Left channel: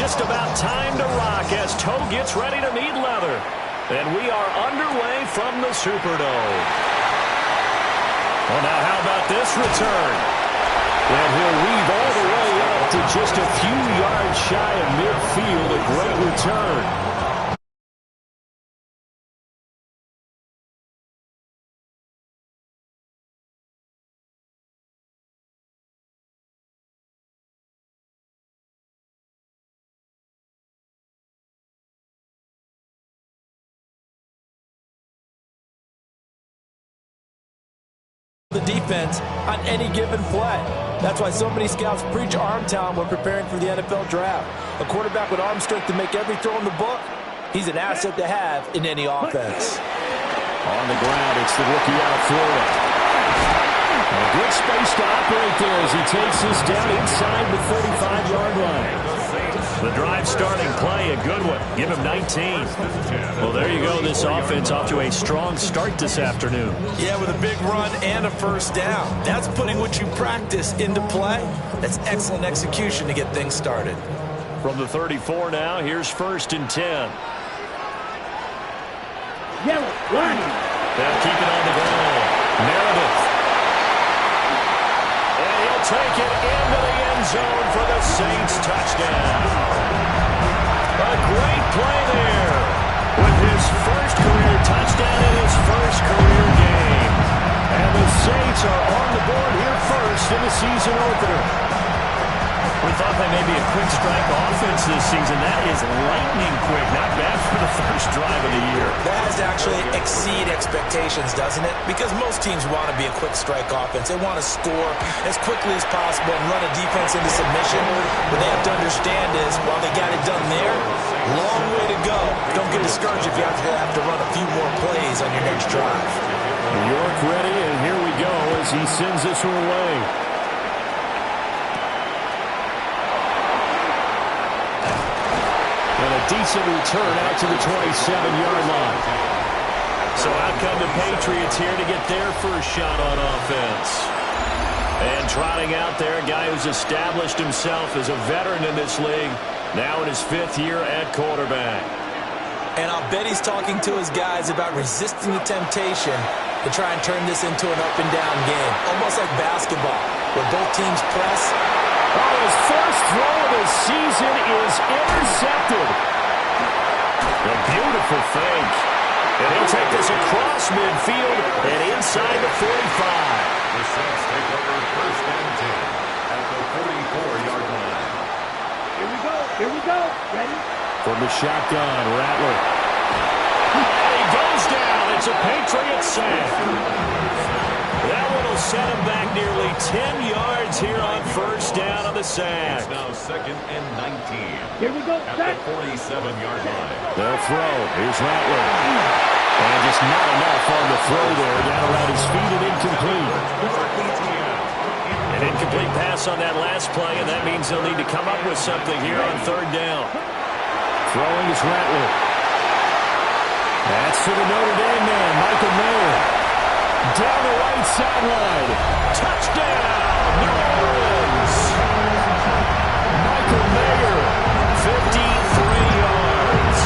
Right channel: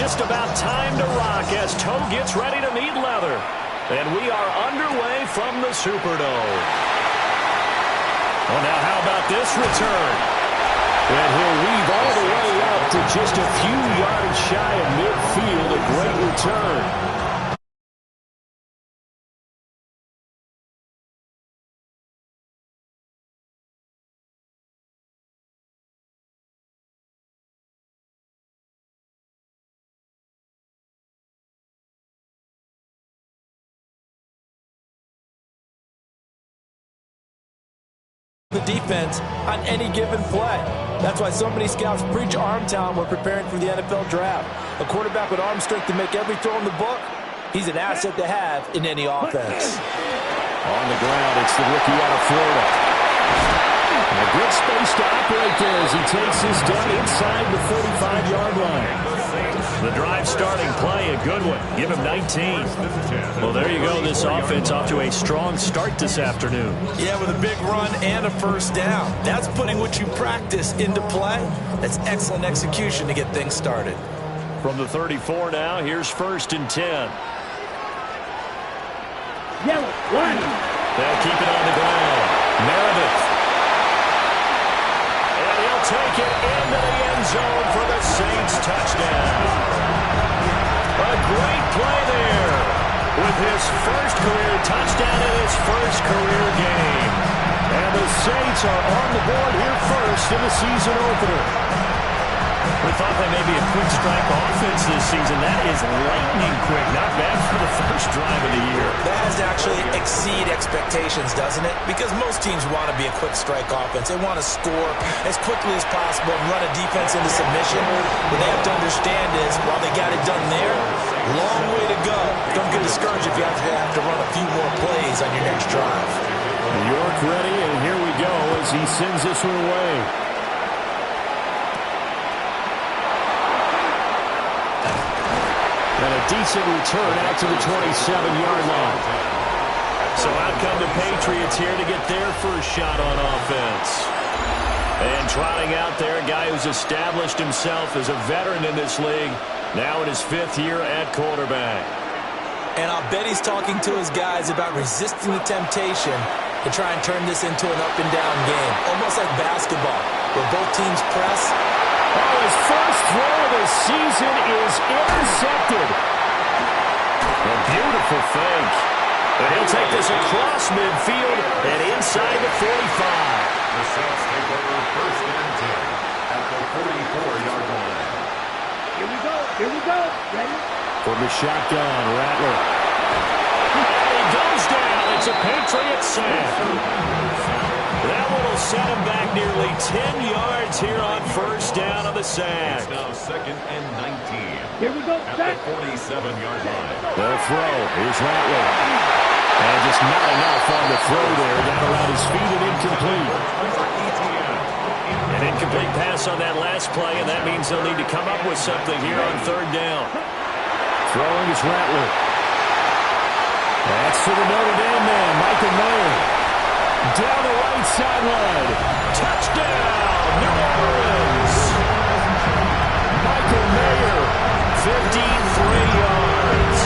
just about time to rock as toe gets ready to meet leather. And we are underway from the Superdome. Well, now how about this return? And he'll weave all the way up to just a few yards shy of midfield. A great return. The defense on any given play. That's why so many scouts preach arm talent when preparing for the NFL draft. A quarterback with arm strength to make every throw in the book, he's an asset to have in any offense. On the ground, it's the rookie out of Florida. And a good space to operate there as he takes this down inside the 35-yard line. The drive starting play, a good one. Give him 19. Well, there you go. This offense off to a strong start this afternoon. Yeah, with a big run and a first down. That's putting what you practice into play. That's excellent execution to get things started. From the 34 now, here's 1st and 10. Yellow, line. They'll keep it on the ground. Meredith. And he'll take it into the end zone for the Saints touchdown. A great play there with his first career touchdown in his first career game. And the Saints are on the board here first in the season opener. We thought they may be a quick strike offense this season. That is lightning quick. Not bad for the first drive of the year. That has to actually exceed expectations, doesn't it? Because most teams want to be a quick strike offense. They want to score as quickly as possible and run a defense into submission. What they have to understand is, while they got it done there, long way to go. Don't get discouraged if you have to run a few more plays on your next drive. New York ready, and here we go as he sends this one away. And a decent return out to the 27-yard line. So out come the Patriots here to get their first shot on offense. And trotting out there, a guy who's established himself as a veteran in this league, now in his 5th year at quarterback. And I'll bet he's talking to his guys about resisting the temptation to try and turn this into an up-and-down game, almost like basketball, where both teams press. Oh, his first throw of the season is intercepted. A beautiful fake. And he'll take this across midfield and inside the 45. The Saints take over 1st and 10 at the 44-yard line. Here we go. Ready? From the shotgun, Rattler. And he goes down. It's a Patriot sack. That one will set him back nearly 10 yards here on first down on the sack. It's now 2nd and 19. Here we go. At the 47-yard line. They'll throw. Here's Rattler. And just not enough on the throw there. Down around his feet and incomplete. An incomplete pass on that last play, and that means they'll need to come up with something here on 3rd down. Throwing is Rattler. That's to the Notre Dame man, Michael Mayer. Down the right sideline. Touchdown, New Orleans. Michael Mayer, 53 yards.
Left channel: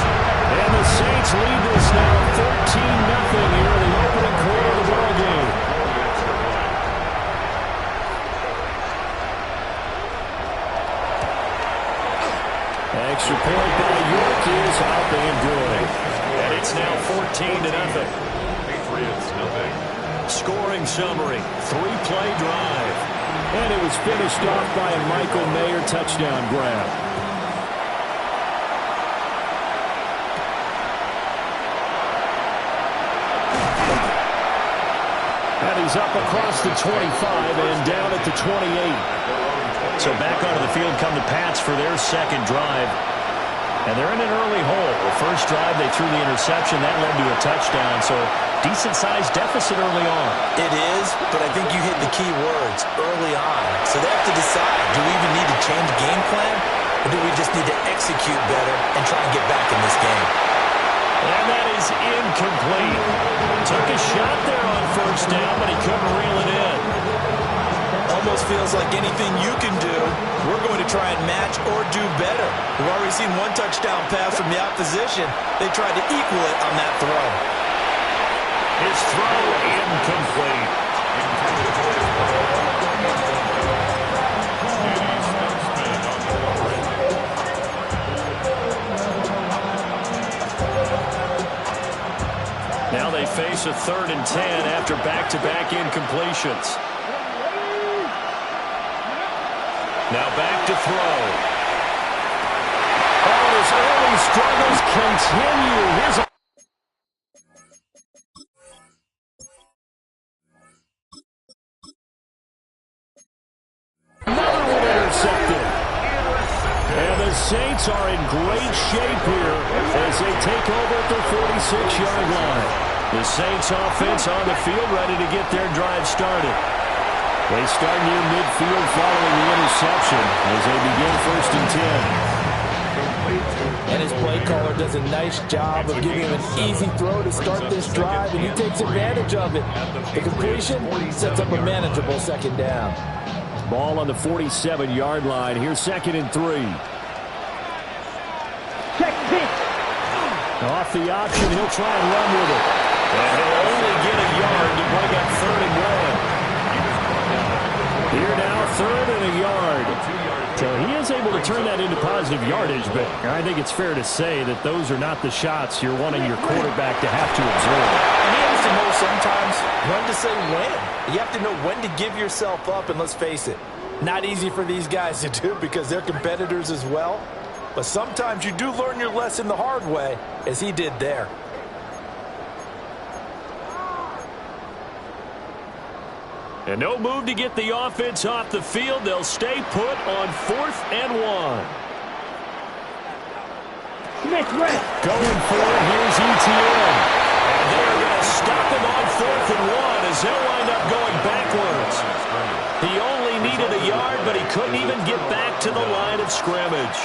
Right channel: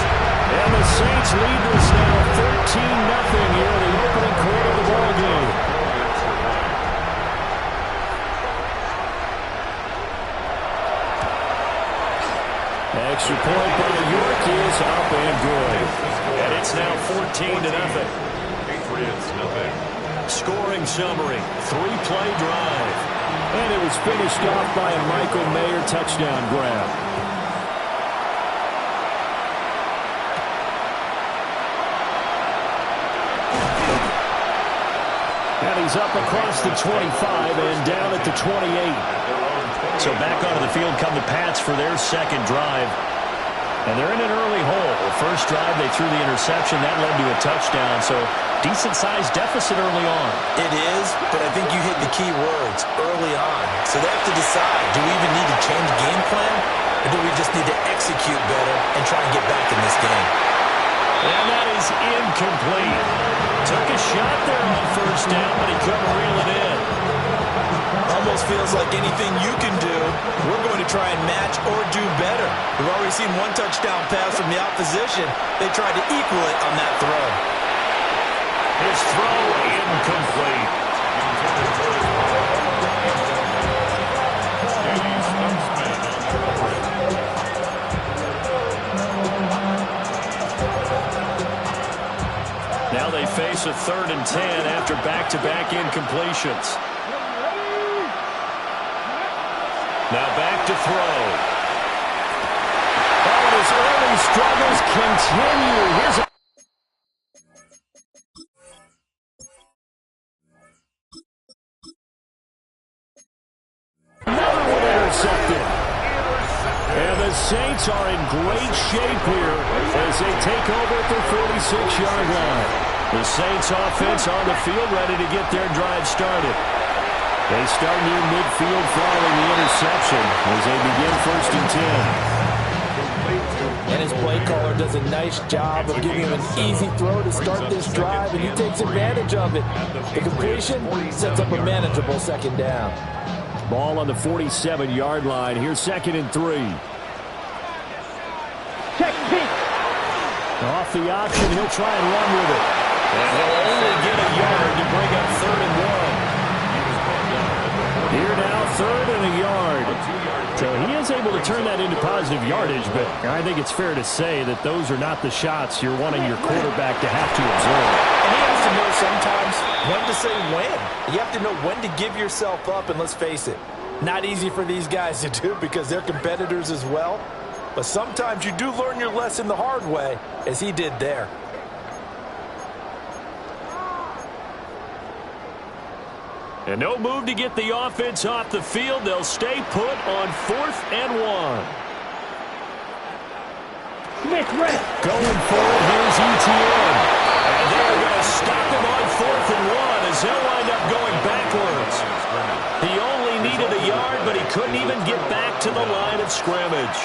And the Saints lead this now 13-0 here in the opening quarter of the ballgame. Extra point by York is up and good. And it's now 14-0. Patriots, nothing. Scoring summary, 3-play drive. And it was finished off by a Michael Mayer touchdown grab. And he's up across the 25 and down at the 28. So back onto the field come the Pats for their 2nd drive. And they're in an early hole. First drive, they threw the interception. That led to a touchdown. So decent-sized deficit early on. It is, but I think you hit the key words, early on. So they have to decide, do we even need to change game plan? Or do we just need to execute better and try and get back in this game? And that is incomplete. Took a shot there on first down, but he couldn't reel it in. Almost almost feels like anything you can do, we're going to try and match or do better. We've already seen one touchdown pass from the opposition. They tried to equal it on that throw. His throw incomplete. Intended for his Danny Stumpsman on the coverage. Now they face a 3rd and 10 after back-to-back incompletions. Now back to throw. Oh, and his early struggles continue. Here's a another one intercepted. And the Saints are in great shape here as they take over at their 46-yard line. The Saints offense on the field ready to get their drive started. They start near midfield following the interception as they begin 1st and 10. And his play caller does a nice job of giving him an easy throw to start this drive, and he takes advantage of it. The completion sets up a manageable 2nd down. Ball on the 47-yard line. Here's 2nd and 3. Check pitch. Off the option, he'll try and run with it. And he'll only get a yard to bring up 3rd and 1. Here now, 3rd and a yard. So he is able to turn that into positive yardage, but I think it's fair to say that those are not the shots you're wanting your quarterback to have to absorb. And he has to know sometimes when to say when. You have to know when to give yourself up, and let's face it, not easy for these guys to do because they're competitors as well. But sometimes you do learn your lesson the hard way, as he did there. And no move to get the offense off the field. They'll stay put on 4th and 1. Smith red. Going for it, here's ETN. And they're going to stop him on 4th and 1 as they'll wind up going backwards. He only needed a yard, but he couldn't even get back to the line of scrimmage.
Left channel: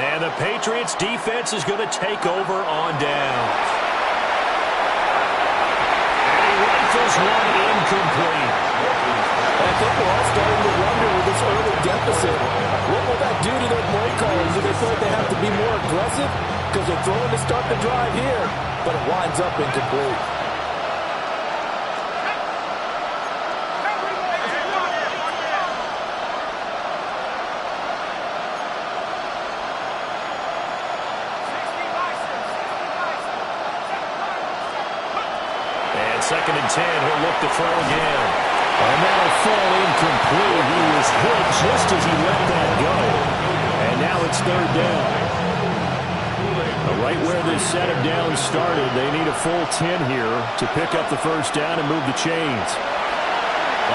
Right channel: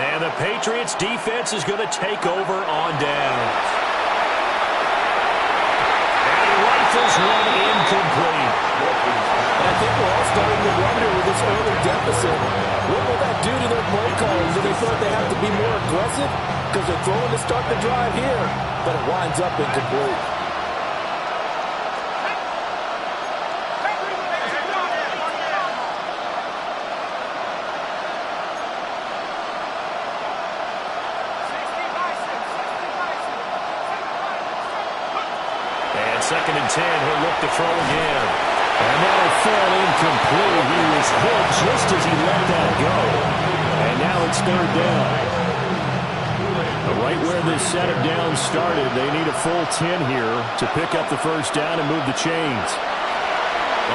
And the Patriots defense is going to take over on downs. And he rifles one incomplete. And I think we're all starting to wonder with this early deficit, what will that do to their play calling? Do they feel like they have to be more aggressive because they're throwing to start the drive here, but it winds up incomplete. And 2nd and 10, he'll look to throw again. And that'll fall incomplete. He was hit just as he let that go. And now it's 3rd down. Right where this set of downs started, they need a full 10 here to pick up the 1st down and move the chains.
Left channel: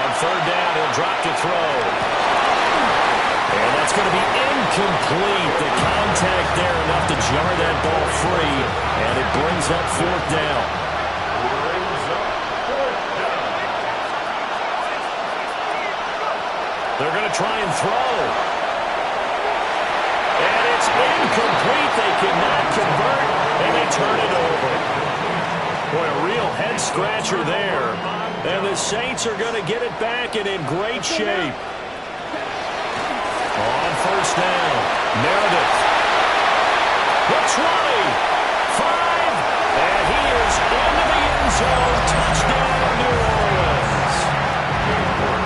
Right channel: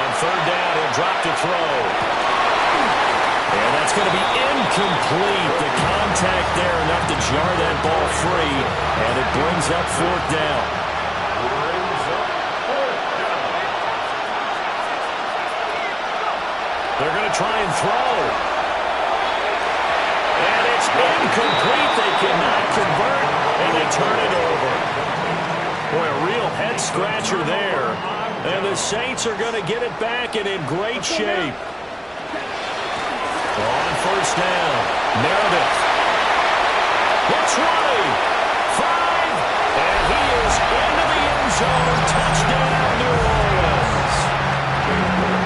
On 3rd down, he'll drop to throw. And that's going to be incomplete. The contact there enough to jar that ball free. And it brings up 4th down. They're going to try and throw. And it's incomplete. They cannot convert, and they turn it over. Boy, a real head-scratcher there. And the Saints are going to get it back and in great shape. On 1st down, Meredith. The 20, 5, and he is into the end zone. Touchdown, New Orleans.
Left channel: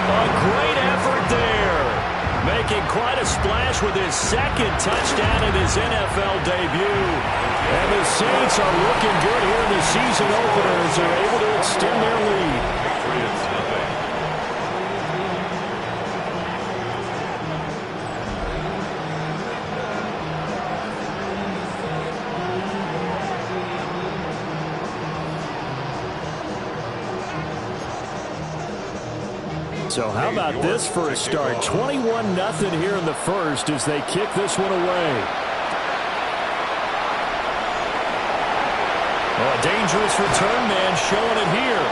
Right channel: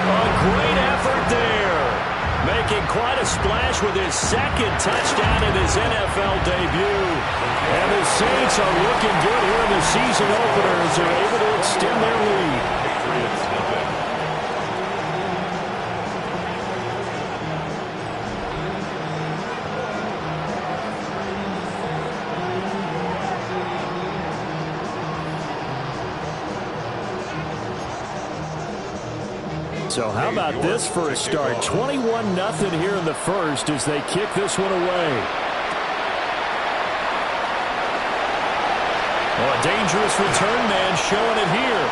A great effort there. Making quite a splash with his 2nd touchdown in his NFL debut. And the Saints are looking good here in the season opener as they're able to extend their lead. Patriots nothing. So how about this for a start? 21-0 here in the 1st as they kick this one away. Oh, a dangerous return man showing it here.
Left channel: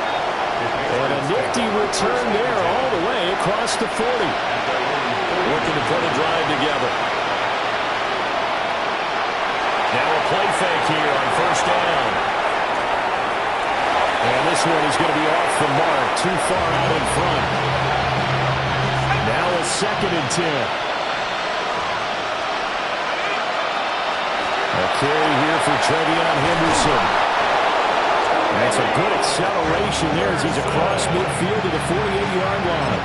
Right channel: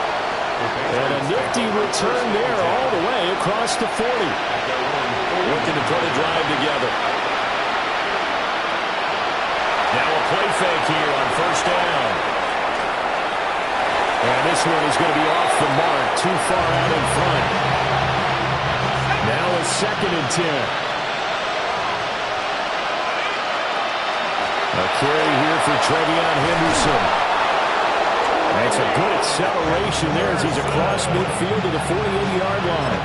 And a nifty return there all the way across the 40. Looking to put a drive together. Now a play fake here on 1st down. And this one is going to be off the mark, too far out in front. Now 2nd and 10. A carry here for Trevion Henderson. That's a good acceleration there as he's across midfield to the 48-yard line.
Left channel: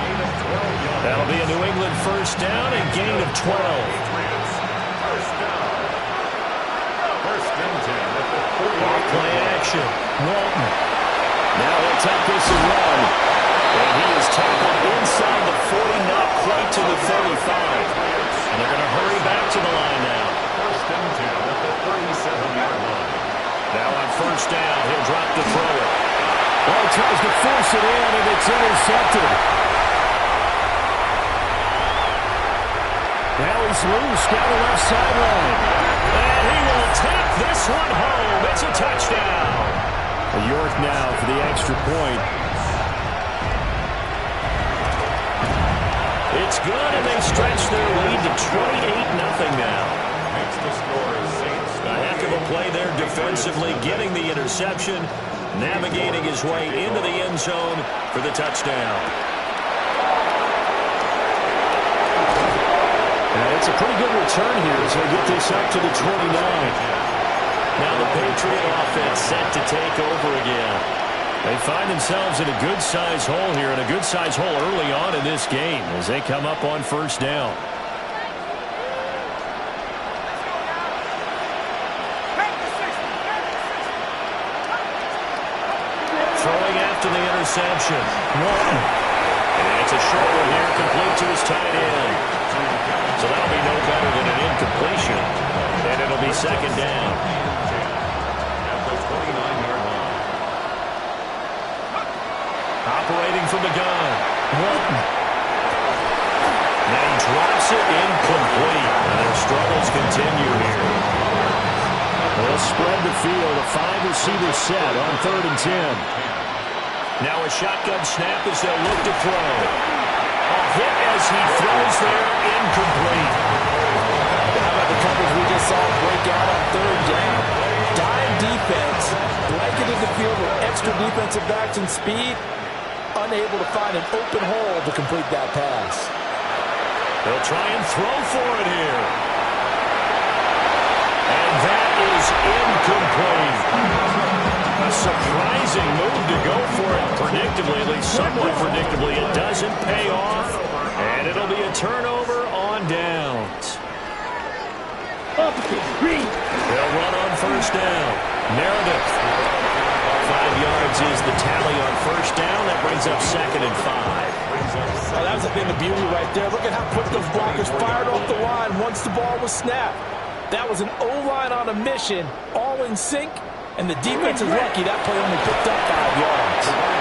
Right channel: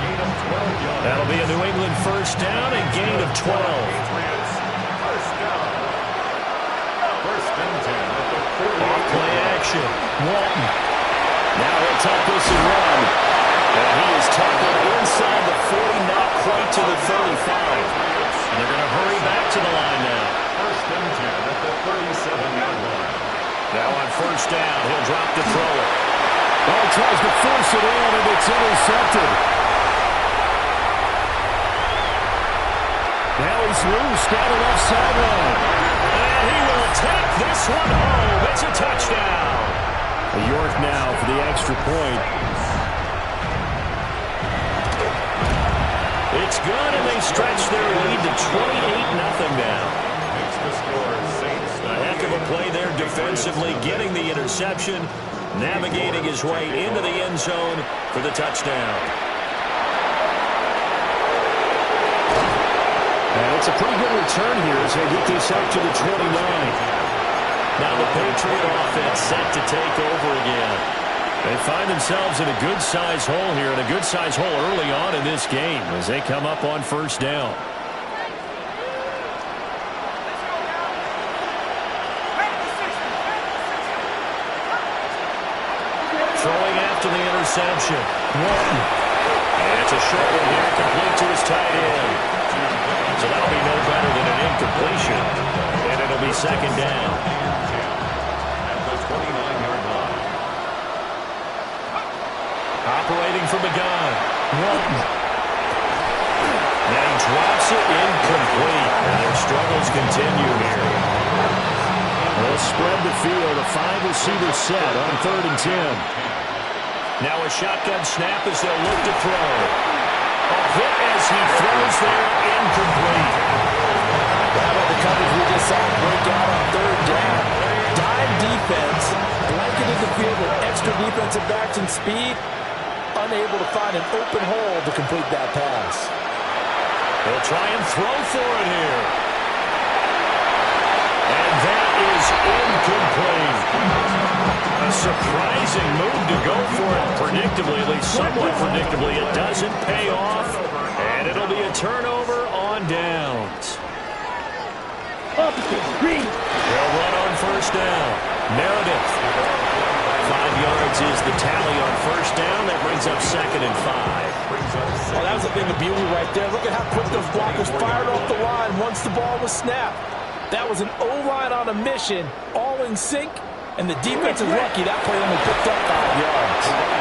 That'll be a New England first down and gain of 12. First down. First and 10 at the 48. Off play action. Walton. Now he'll tuck this and run. And he is tackled inside the 40, not quite to the 35. And they're going to hurry back to the line now. First and 10 at the 37-yard line. Now on first down, he'll drop to throw it. Oh, he tries to force it in, and it's intercepted. Now he's loose down the left sideline. And he will take this one home. It's a touchdown. York now for the extra point. It's good, and they stretch their lead to 28-0 now. Makes the score Saints. A heck of a play there defensively, getting the interception, navigating his way into the end zone for the touchdown. And it's a pretty good return here as they get this up to the 29. Now the Patriot offense set to take over again. They find themselves in a good-sized hole here, and a good-sized hole early on in this game as they come up on first down. Throwing after the interception. Walton. And it's a short one here, complete to his tight end. So that'll be no better than an incompletion. And it'll be second down. At the 29-yard line. Operating from the gun. Walton. And he drops it incomplete. And their struggles continue here. They'll spread the field, a 5-receiver set on 3rd and 10. Now a shotgun snap as they'll look to throw. A hit as he throws there, incomplete. How about the coverage we just saw break out on 3rd down? Dime defense, blanketed the field with extra defensive backs and speed, unable to find an open hole to complete that pass. They'll try and throw for it here. And that is incomplete. A surprising move to go for it predictably, at least somewhat predictably. It doesn't pay off, and it'll be a turnover on downs. They'll run on first down. Meredith. 5 yards is the tally on first down. That brings up 2nd and 5. Well, that was a thing of beauty right there. Look at how quick those blockers fired off the line once the ball was snapped. That was an O-line on a mission, all in sync, and the defense is lucky that play only picked up 5 yards.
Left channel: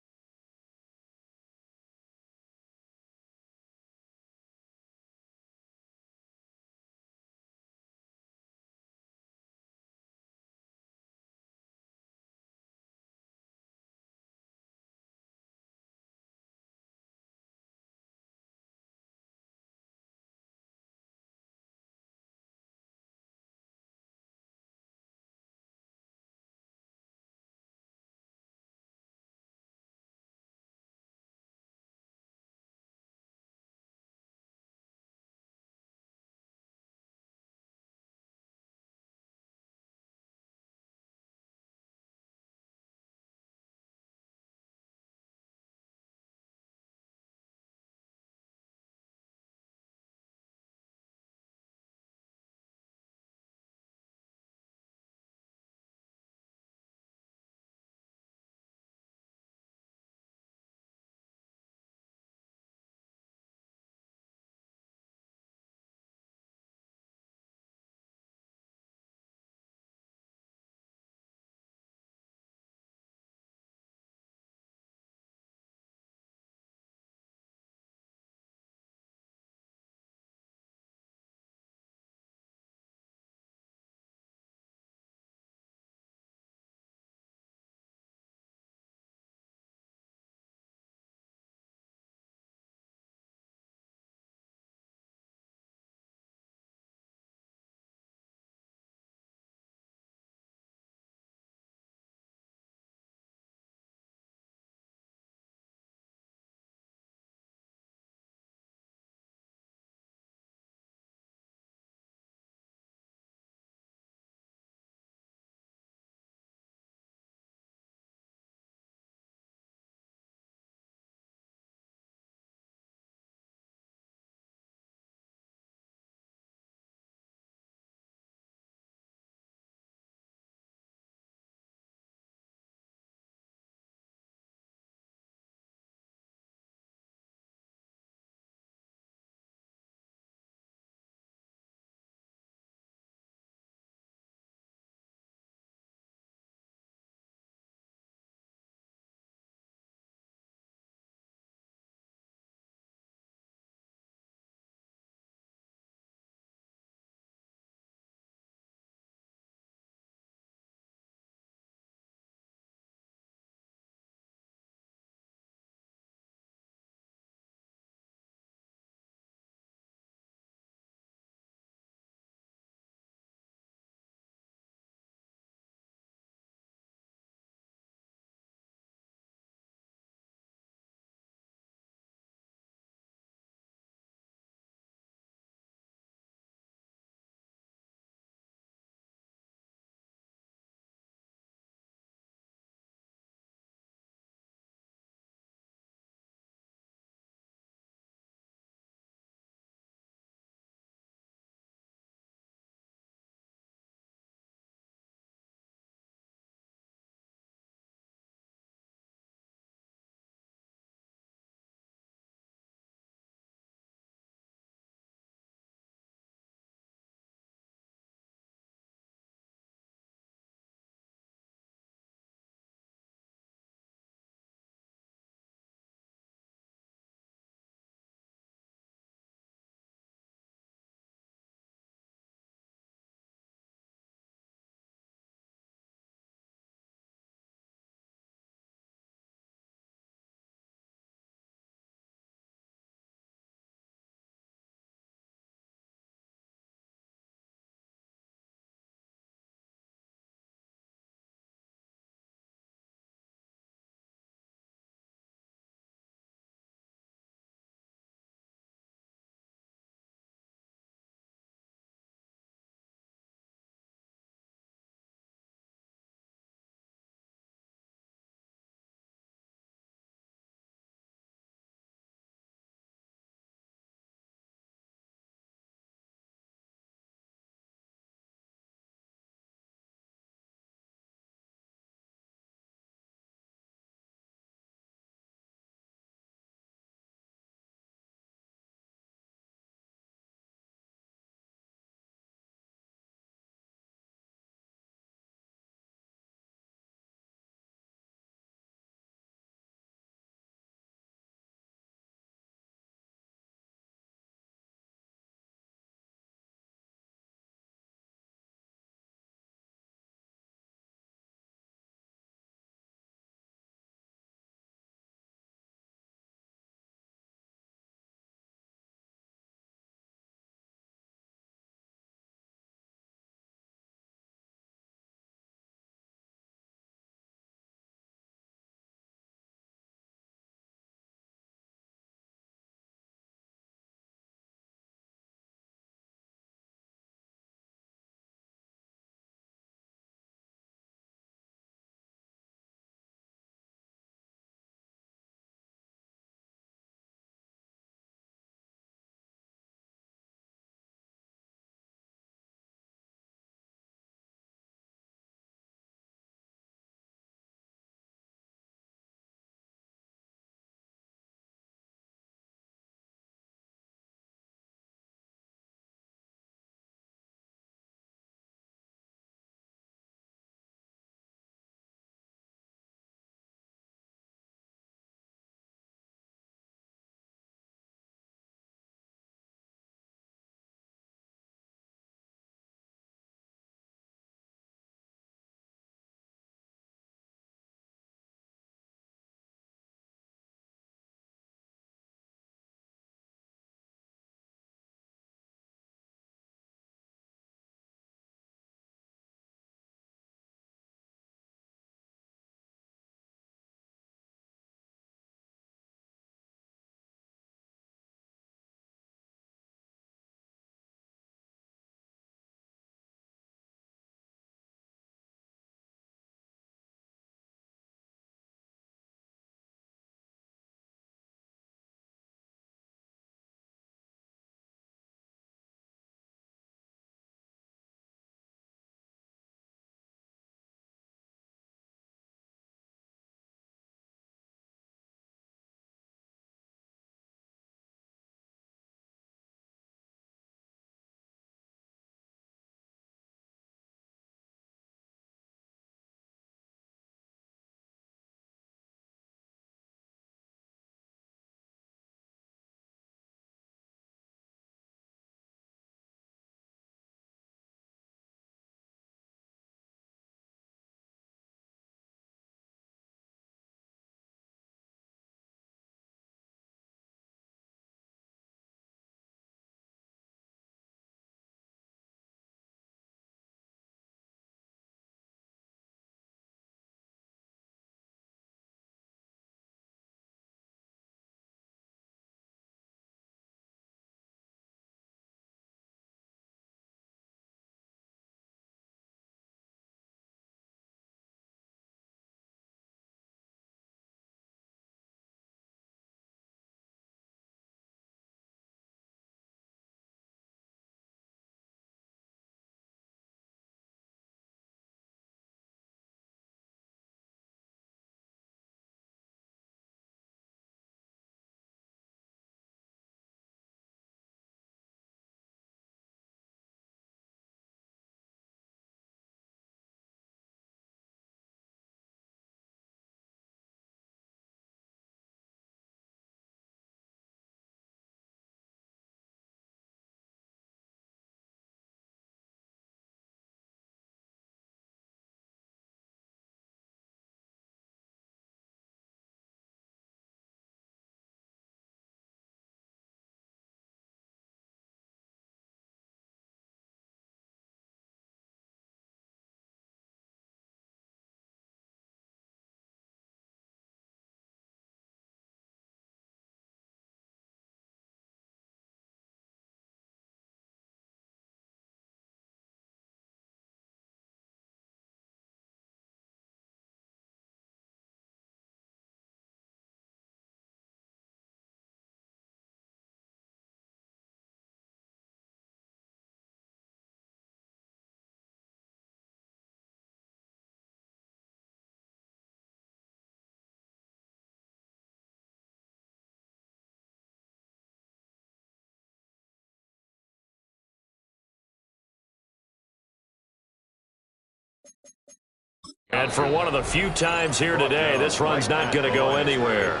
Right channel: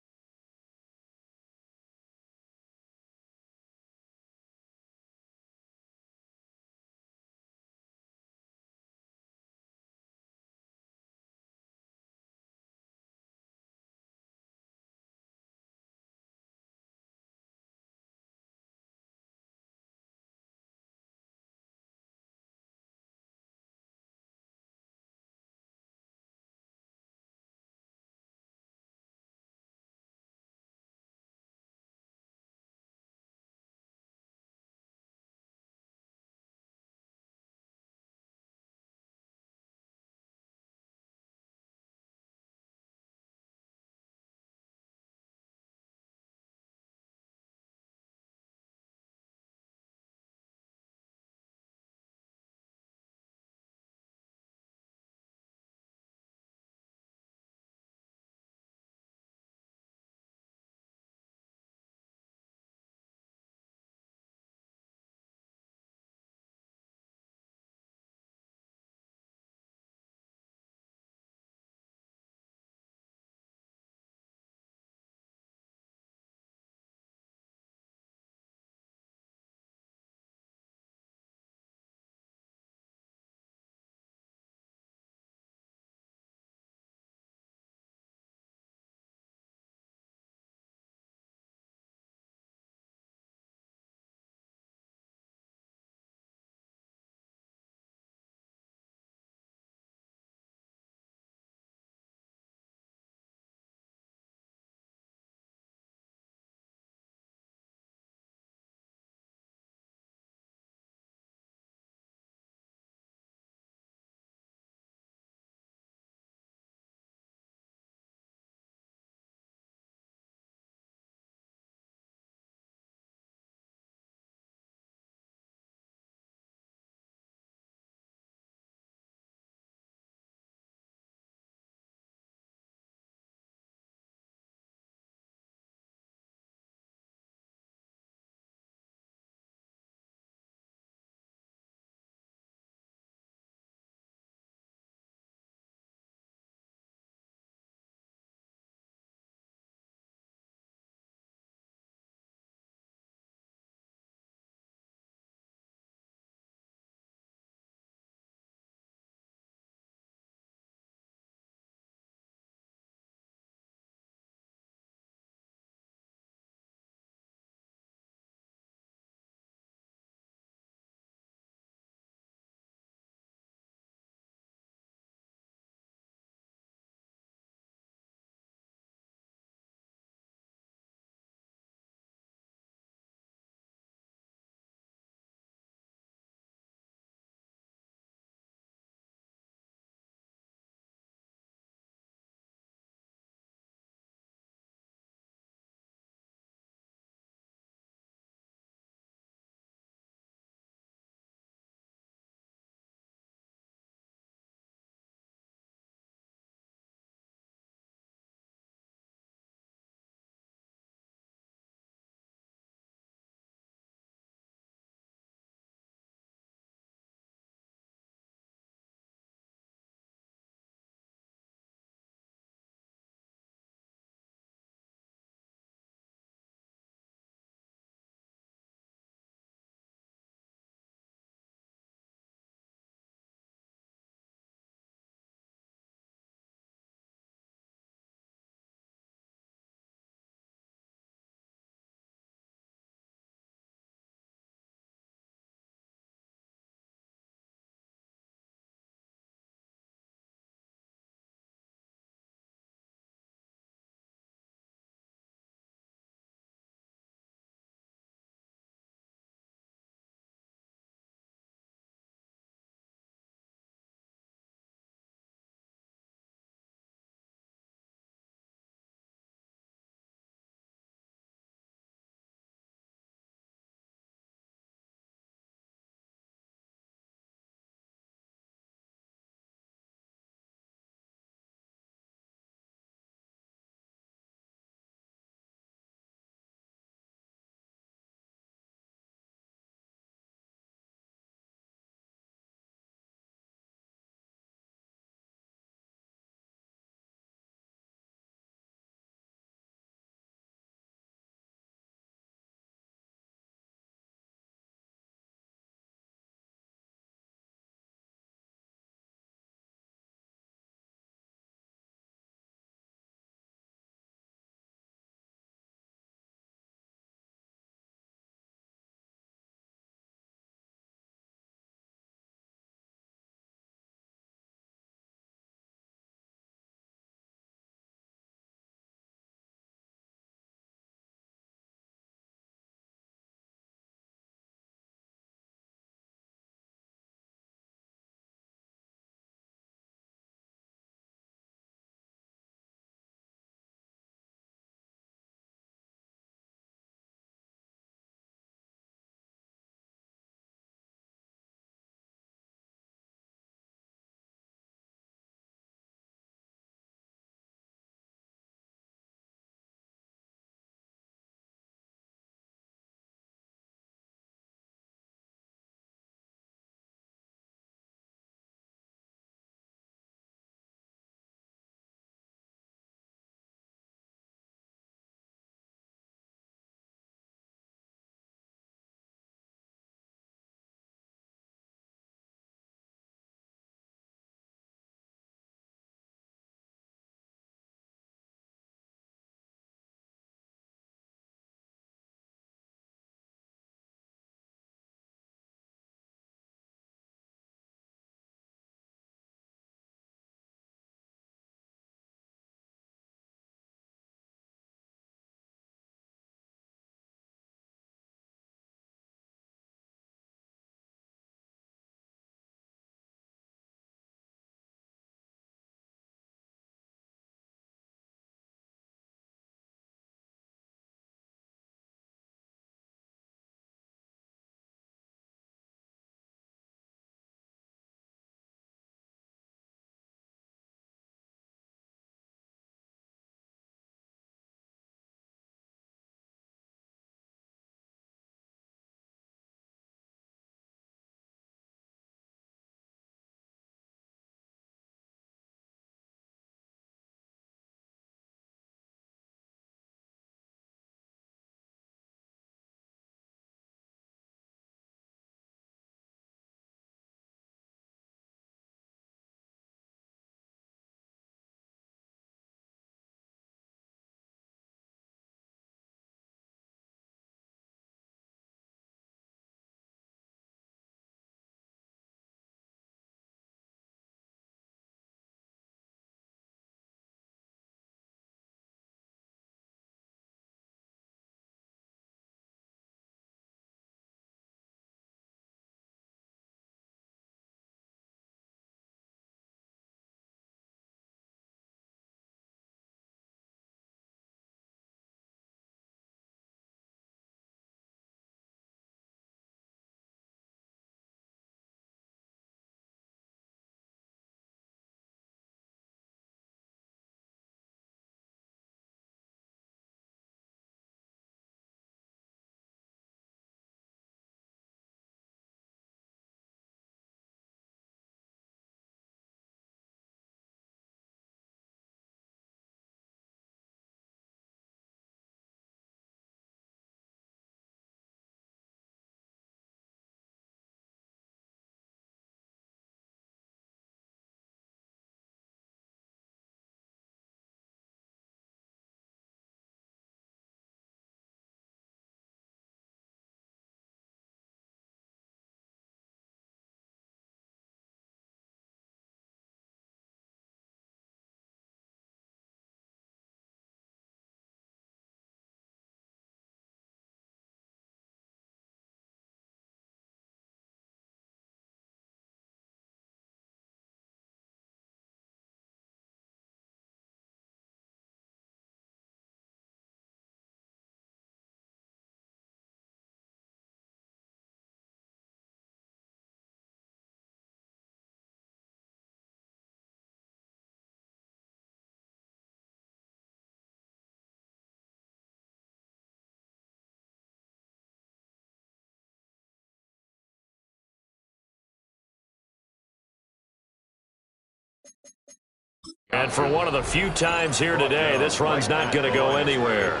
And for one of the few times here today, this run's not going to go anywhere.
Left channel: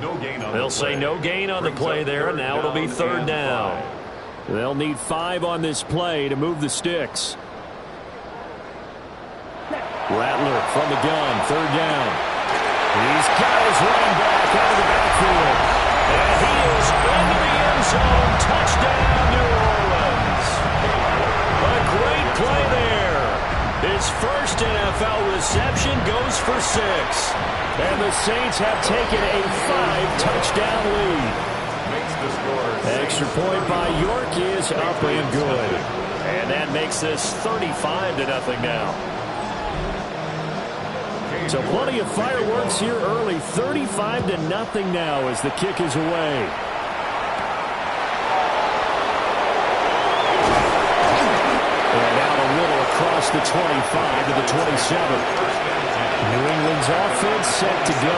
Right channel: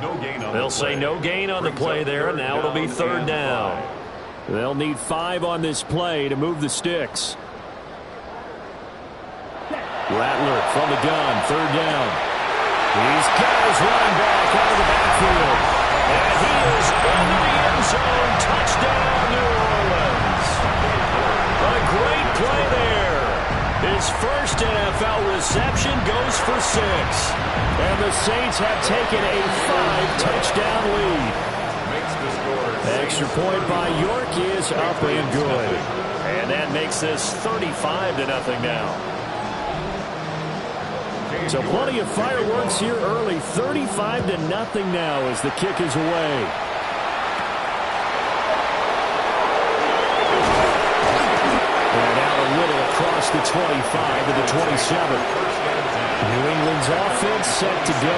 No gain on They'll the say play. no gain on the play there, and now it'll be third down. They'll need 5 on this play to move the sticks. Rattler from the gun, third down. He's got his running back out of the backfield. And he is into the end zone. Touchdown, New Orleans. A great play there. His first NFL reception goes for 6. And the Saints have taken a 5-touchdown lead. Makes the score. Extra point by York is up and good. And that makes this 35-0 now. So plenty of fireworks here early. 35-0 now as the kick is away. And out a little across the 25 to the 27. New England's offense set to go.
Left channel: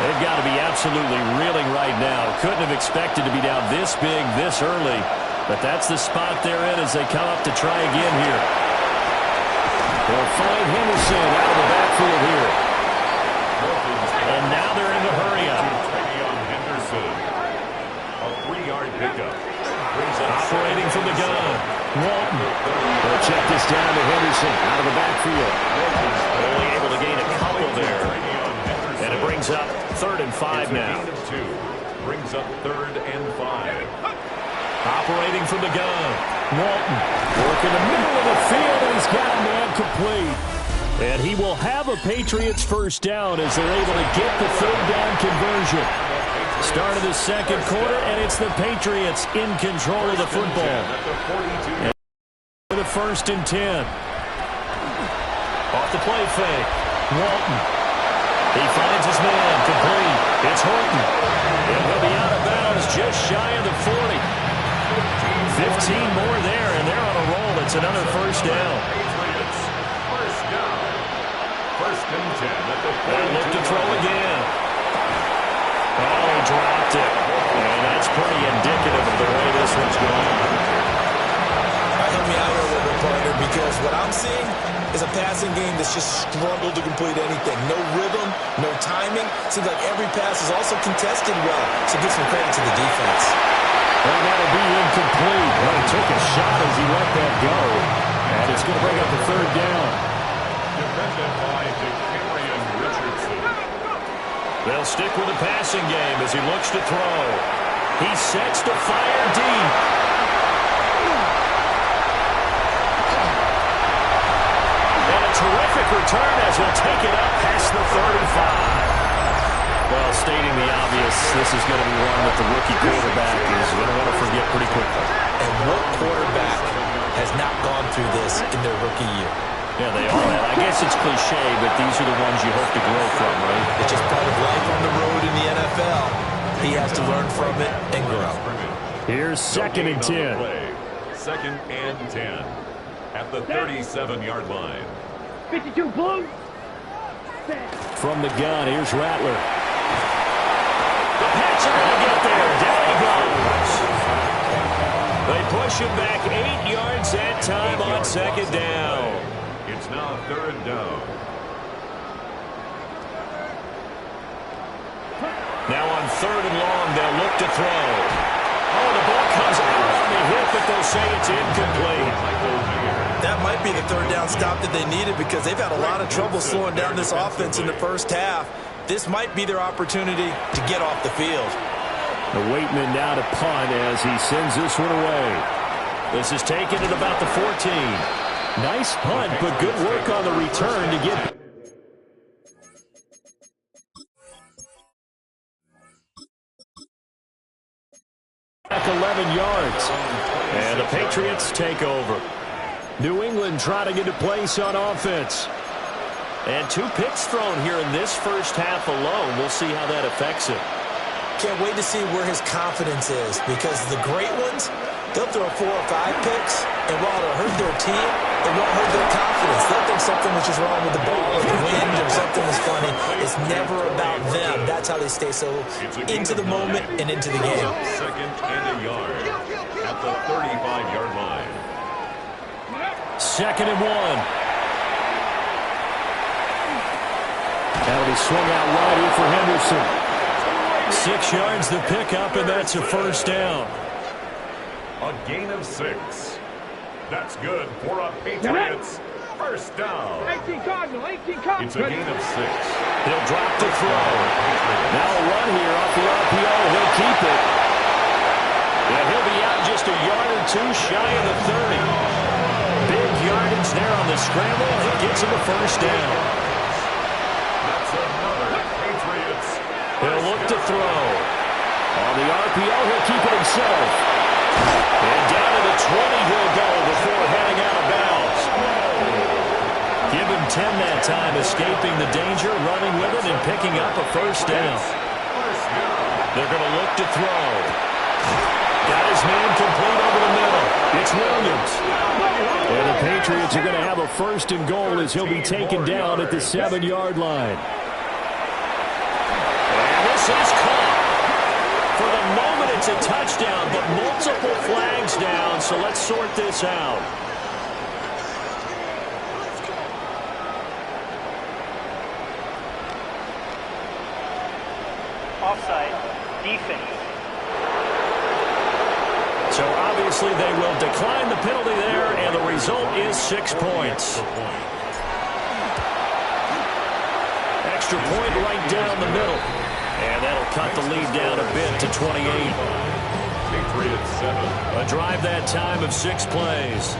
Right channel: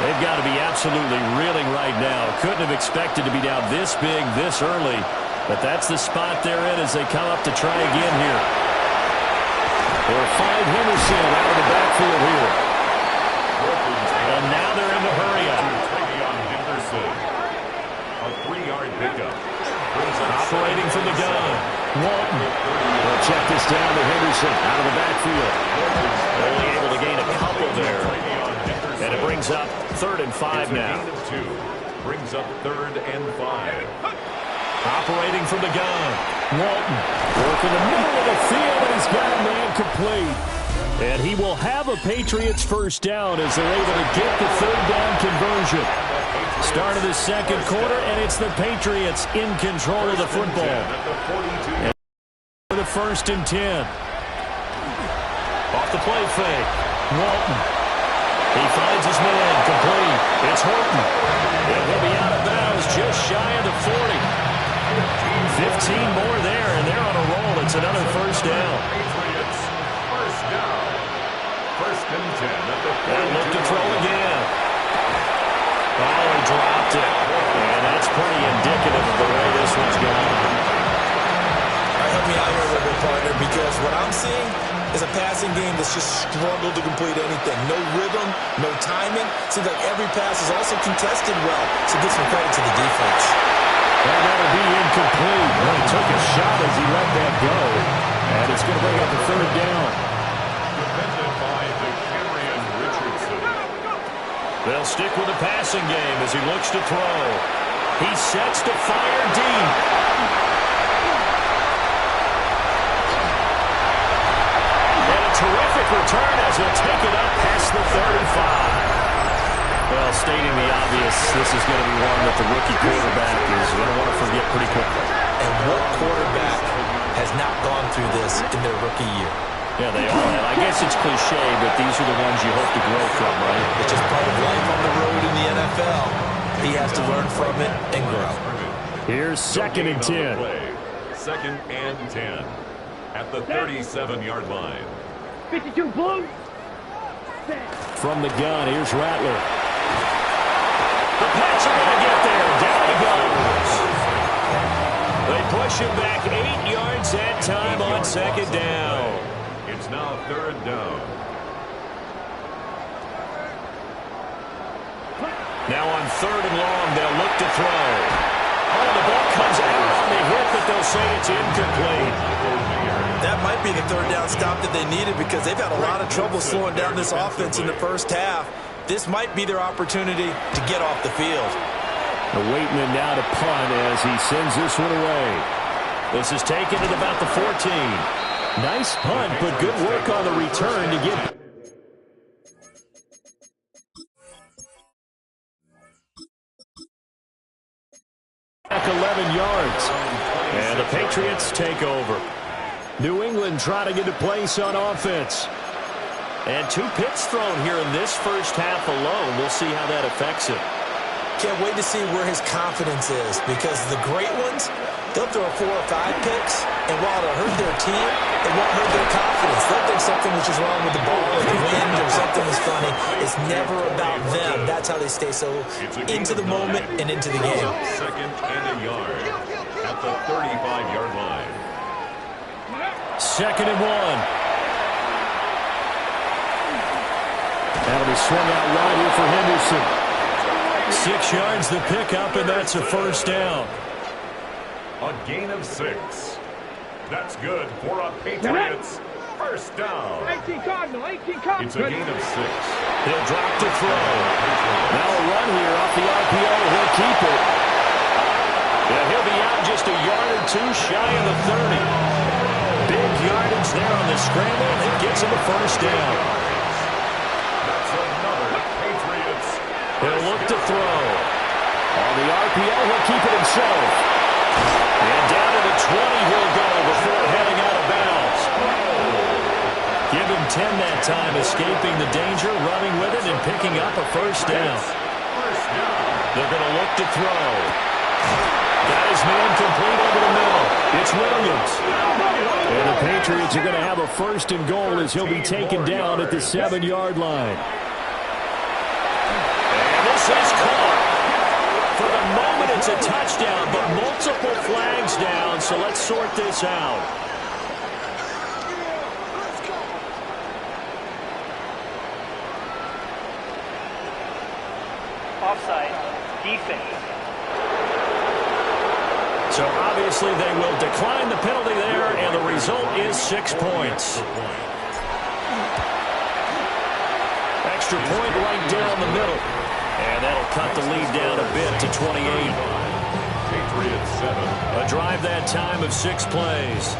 They've got to be absolutely reeling right now. Couldn't have expected to be down this big this early. But that's the spot they're in as they come up to try again here. They'll find Henderson out of the backfield here. And now they're in the hurry up. A 3-yard pickup. Operating from the gun. Walton. They'll check this down to Henderson out of the backfield. Only able to gain a couple there. And it brings up 3rd and 5 now. Brings up 3rd and 5. Operating from the gun. Walton working the middle of the field, and he's got a man complete. And he will have a Patriots first down as they're able to get the 3rd down conversion. Start of the second quarter, and it's the Patriots in control of the football. And for the 1st and 10. Off the play fake. Walton. He finds his man complete. It's Horton. And he'll be out of bounds just shy of the 40. 15 more there, and they're on a roll. It's another first down. Patriots, first down. 1st and 10 at the 42. And look to throw again. Oh, he dropped it. And that's pretty indicative of the way this one's going. All right, help me out here a little bit, partner, because what I'm seeing is a passing game that's just struggled to complete anything. No rhythm, no timing. Seems like every pass is also contested well, so give some credit to the defense. And that'll be incomplete. Well, he took a shot as he let that go. And it's going to bring up the 3rd down. Defended by DeCamerion Richardson. They'll stick with the passing game as he looks to throw. He sets to fire deep. And a terrific return as he'll take it up past the 35. Well, stating the obvious, this is going to be one that the rookie quarterback is going to want to forget pretty quickly. And what quarterback has not gone through this in their rookie year? Yeah, they all have. I guess it's cliche, but these are the ones you hope to grow from, right? It's just part of life on the road in the NFL. He has to learn from it and grow. Here's 2nd and 10. 2nd and 10 at the 37-yard line. 52 blue. From the gun, here's Rattler. The Pats are going to get there. Down he goes. They push him back 8 yards that time on 2nd down. It's now 3rd down. Now on 3rd and long, they'll look to throw. Oh, the ball comes out on the hit, but they'll say it's incomplete. That might be the 3rd down stop that they needed because they've had a lot of trouble slowing down this offense in the first half. This might be their opportunity to get off the field. The Waitman now to punt as he sends this one away. This is taken at about the 14. Nice punt, but good work on the return to get back 11 yards. And the Patriots take over. New England trying to get a place on offense. And 2 picks thrown here in this first half alone. We'll see how that affects him. Can't wait to see where his confidence is because the great ones, they'll throw 4 or 5 picks, and while it'll hurt their team, it won't hurt their confidence. They'll think something was just wrong with the ball or the wind or something was funny. It's never about them. That's how they stay so into the moment and into the game. 2nd and a yard at the 35-yard line. 2nd and 1. That'll be swung out wide here for Henderson. 6 yards the pickup, and that's a first down. A gain of 6. That's good for a Patriots first down. 18 Cardinal, 18 Cardinal. It's a gain of 6. He'll drop to throw. Now a run here off the RPO. He'll keep it. And he'll be out just a yard or two shy of the 30. Big yardage there on the scramble. It gets him a first down. That's another Patriots. He'll look to throw. On the RPO, he'll keep it himself. And down to the 20 he'll go before heading out of bounds. Give him 10 that time, escaping the danger, running with it, and picking up a first down. They're going to look to throw. Got his man complete over the middle. It's Williams. And the Patriots are going to have a first and goal as he'll be taken down at the 7-yard line. And this is caught. For the moment, it's a touchdown, but multiple flags down, so let's sort this out. Offside. Defense. So obviously they will decline the penalty there, and the result is 6 points. Extra point right down the middle. And that'll cut the lead down a bit to 28. Patriots 7. A drive that time of 6 plays.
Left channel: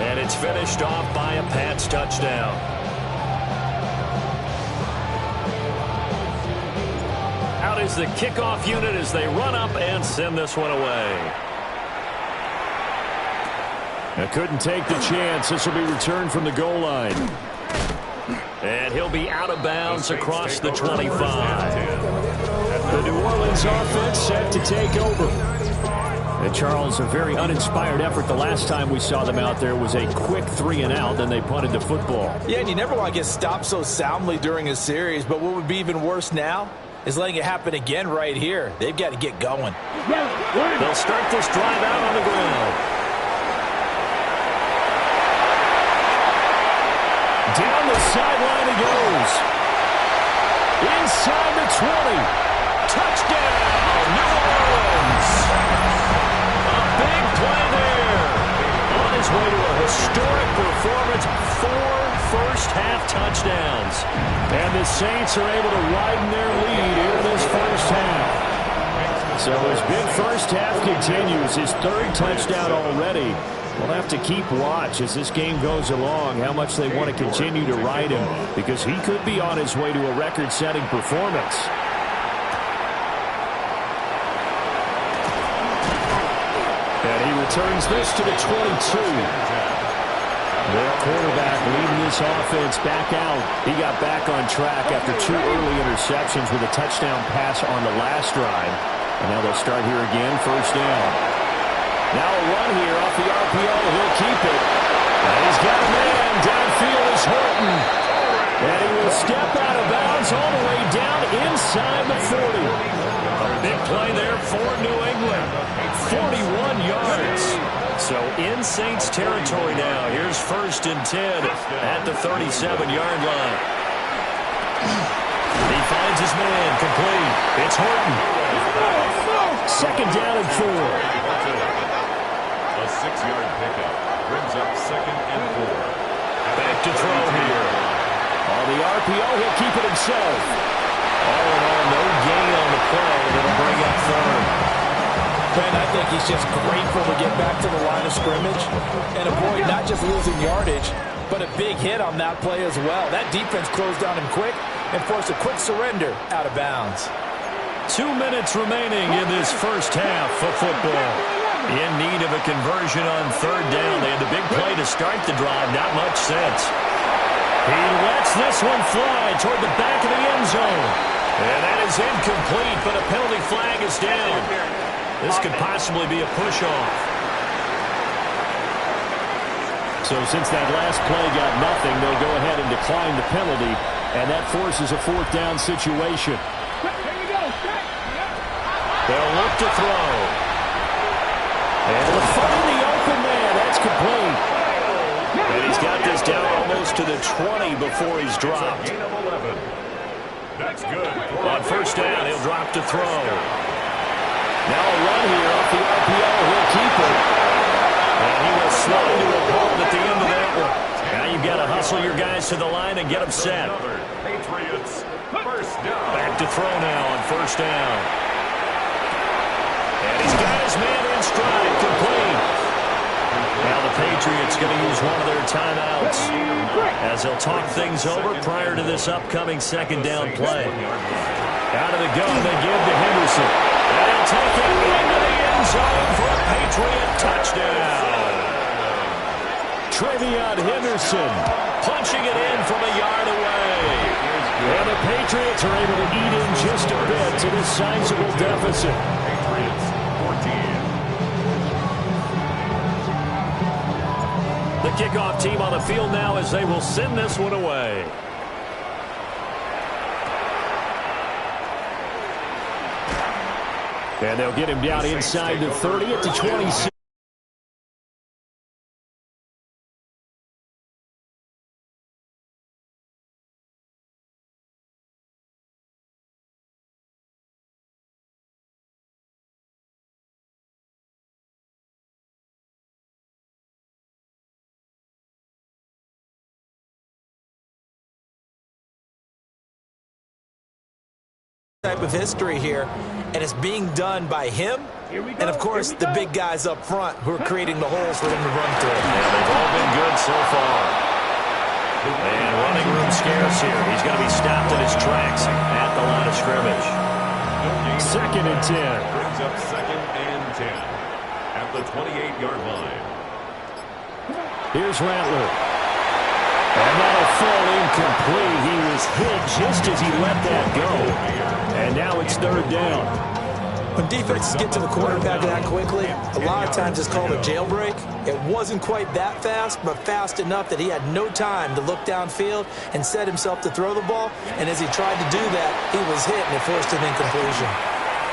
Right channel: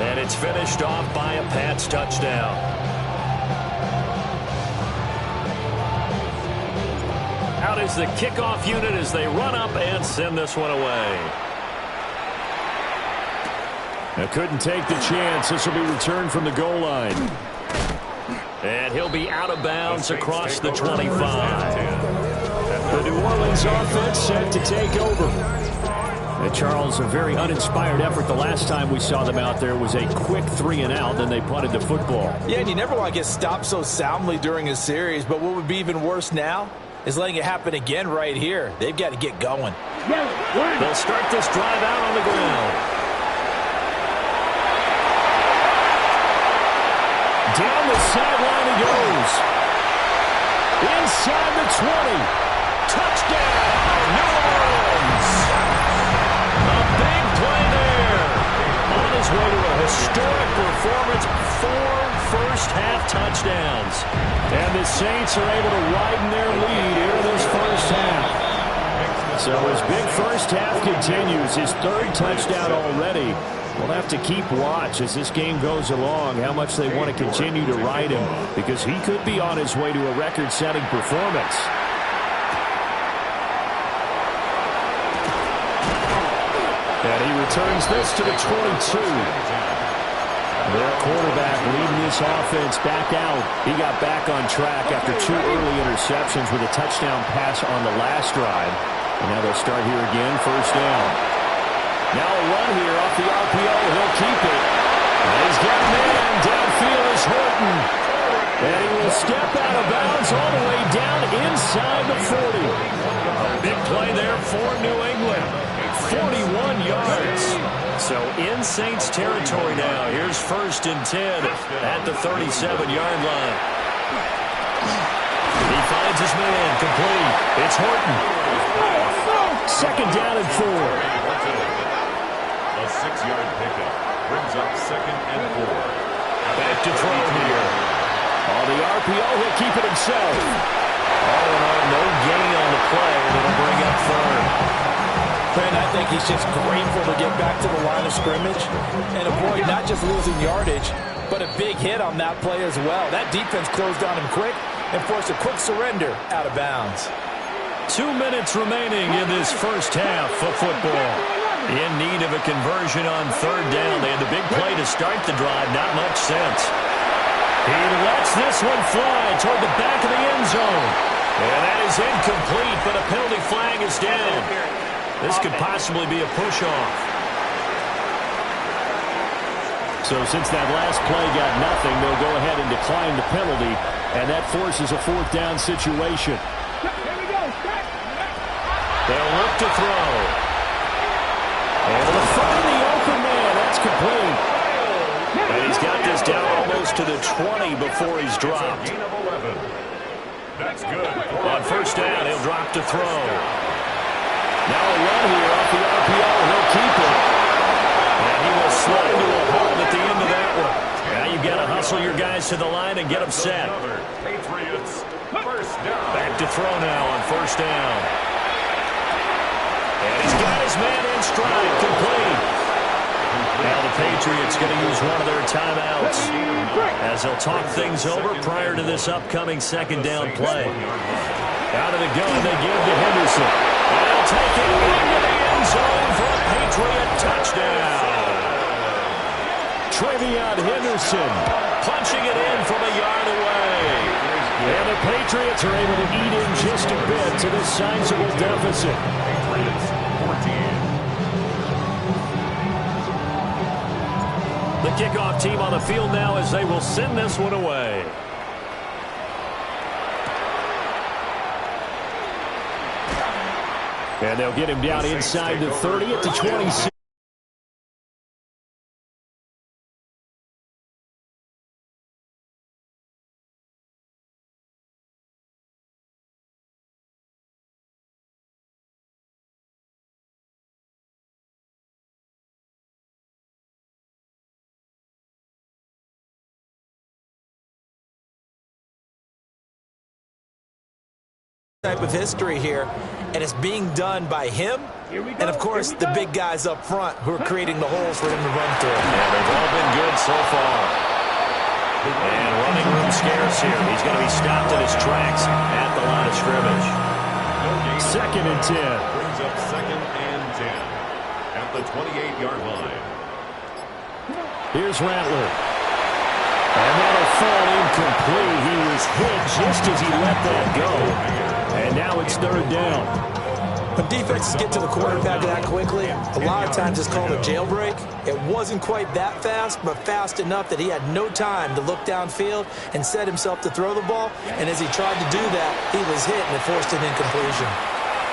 And it's finished off by a Pats touchdown. Out is the kickoff unit as they run up and send this one away. Now couldn't take the chance. This will be returned from the goal line. And he'll be out of bounds across the 25. The New Orleans offense set to take over. And Charles, a very uninspired effort. The last time we saw them out there was a quick 3-and-out, then they punted the football. Yeah, and you never want to get stopped so soundly during a series, but what would be even worse now is letting it happen again right here. They've got to get going. They'll start this drive out on the ground. Down the sideline he goes. Inside the 20. Touchdown, New Orleans. A big play there. On his way to a historic performance, 4 first-half touchdowns. And the Saints are able to widen their lead here in this first half. So his big first half continues, his 3rd touchdown already. We'll have to keep watch as this game goes along, how much they want to continue to ride him, because he could be on his way to a record-setting performance. And he returns this to the 22. Their quarterback leading this offense back out. He got back on track after 2 early interceptions with a touchdown pass on the last drive. And now they'll start here again, first down. Now a run here off the RPO. He'll keep it. And he's got a man. Downfield is Horton. And he will step out of bounds all the way down inside the 40. A big play there for New England. 41 yards. So in Saints territory now. Here's 1st and 10 at the 37-yard line. He finds his man complete. It's Horton. 2nd down and 4. A 6-yard pickup brings up 2nd and 4. Back to throw here. On the RPO, he'll keep it himself. All in all, no gain on the play. That'll bring up 3rd. Brent, I think he's just grateful to get back to the line of scrimmage and avoid not just losing yardage, but a big hit on that play as well. That defense closed down him quick and forced a quick surrender out of bounds. 2 minutes remaining in this first half of football. In need of a conversion on 3rd down. They had the big play to start the drive. Not much sense. He lets this one fly toward the back of the end zone. And that is incomplete, but a penalty flag is down. This could possibly be a push-off. So since that last play got nothing, they'll go ahead and decline the penalty, and that forces a 4th down situation. Here we go. They'll look to throw. And to find the open man. That's complete. And he's got this down almost to the 20 before he's dropped. That's good. On first down, he'll drop to throw. Now a run here off the RPO. He'll keep it. And he will slide to a hold at the end of that one. Now you've got to hustle your guys to the line and get them set. Patriots, first down. Back to throw now on first down. And he's got his man in stride, complete. Now the Patriots going to use one of their timeouts as they'll talk things over prior to this upcoming second down play. Out of the gun, they give to Henderson. And he'll take it into the end zone for a Patriot touchdown. Trevion Henderson punching it in from a yard away. And the Patriots are able to eat in just a bit to this sizable deficit. Patriots, 14. The kickoff team on the field now as they will send this one away. And they'll get him down inside the 30 at the 26. Type of history here, and it's being done by him and, of course, the big guys up front who are creating the holes for him to run through. Yeah, they've all been good so far. And running room scarce here. He's going to be stopped in his tracks at the line of scrimmage. Second and 10. Brings up second and 10 at the 28-yard line. Here's Rattler. And that'll fall incomplete. He was hit just as he let that go. And now it's third down. When defenses get to the quarterback that quickly, a lot of times it's called a jailbreak. It wasn't quite that fast, but fast enough that he had no time to look downfield and set himself to throw the ball. And as he tried to do that, he was hit and it forced an incompletion.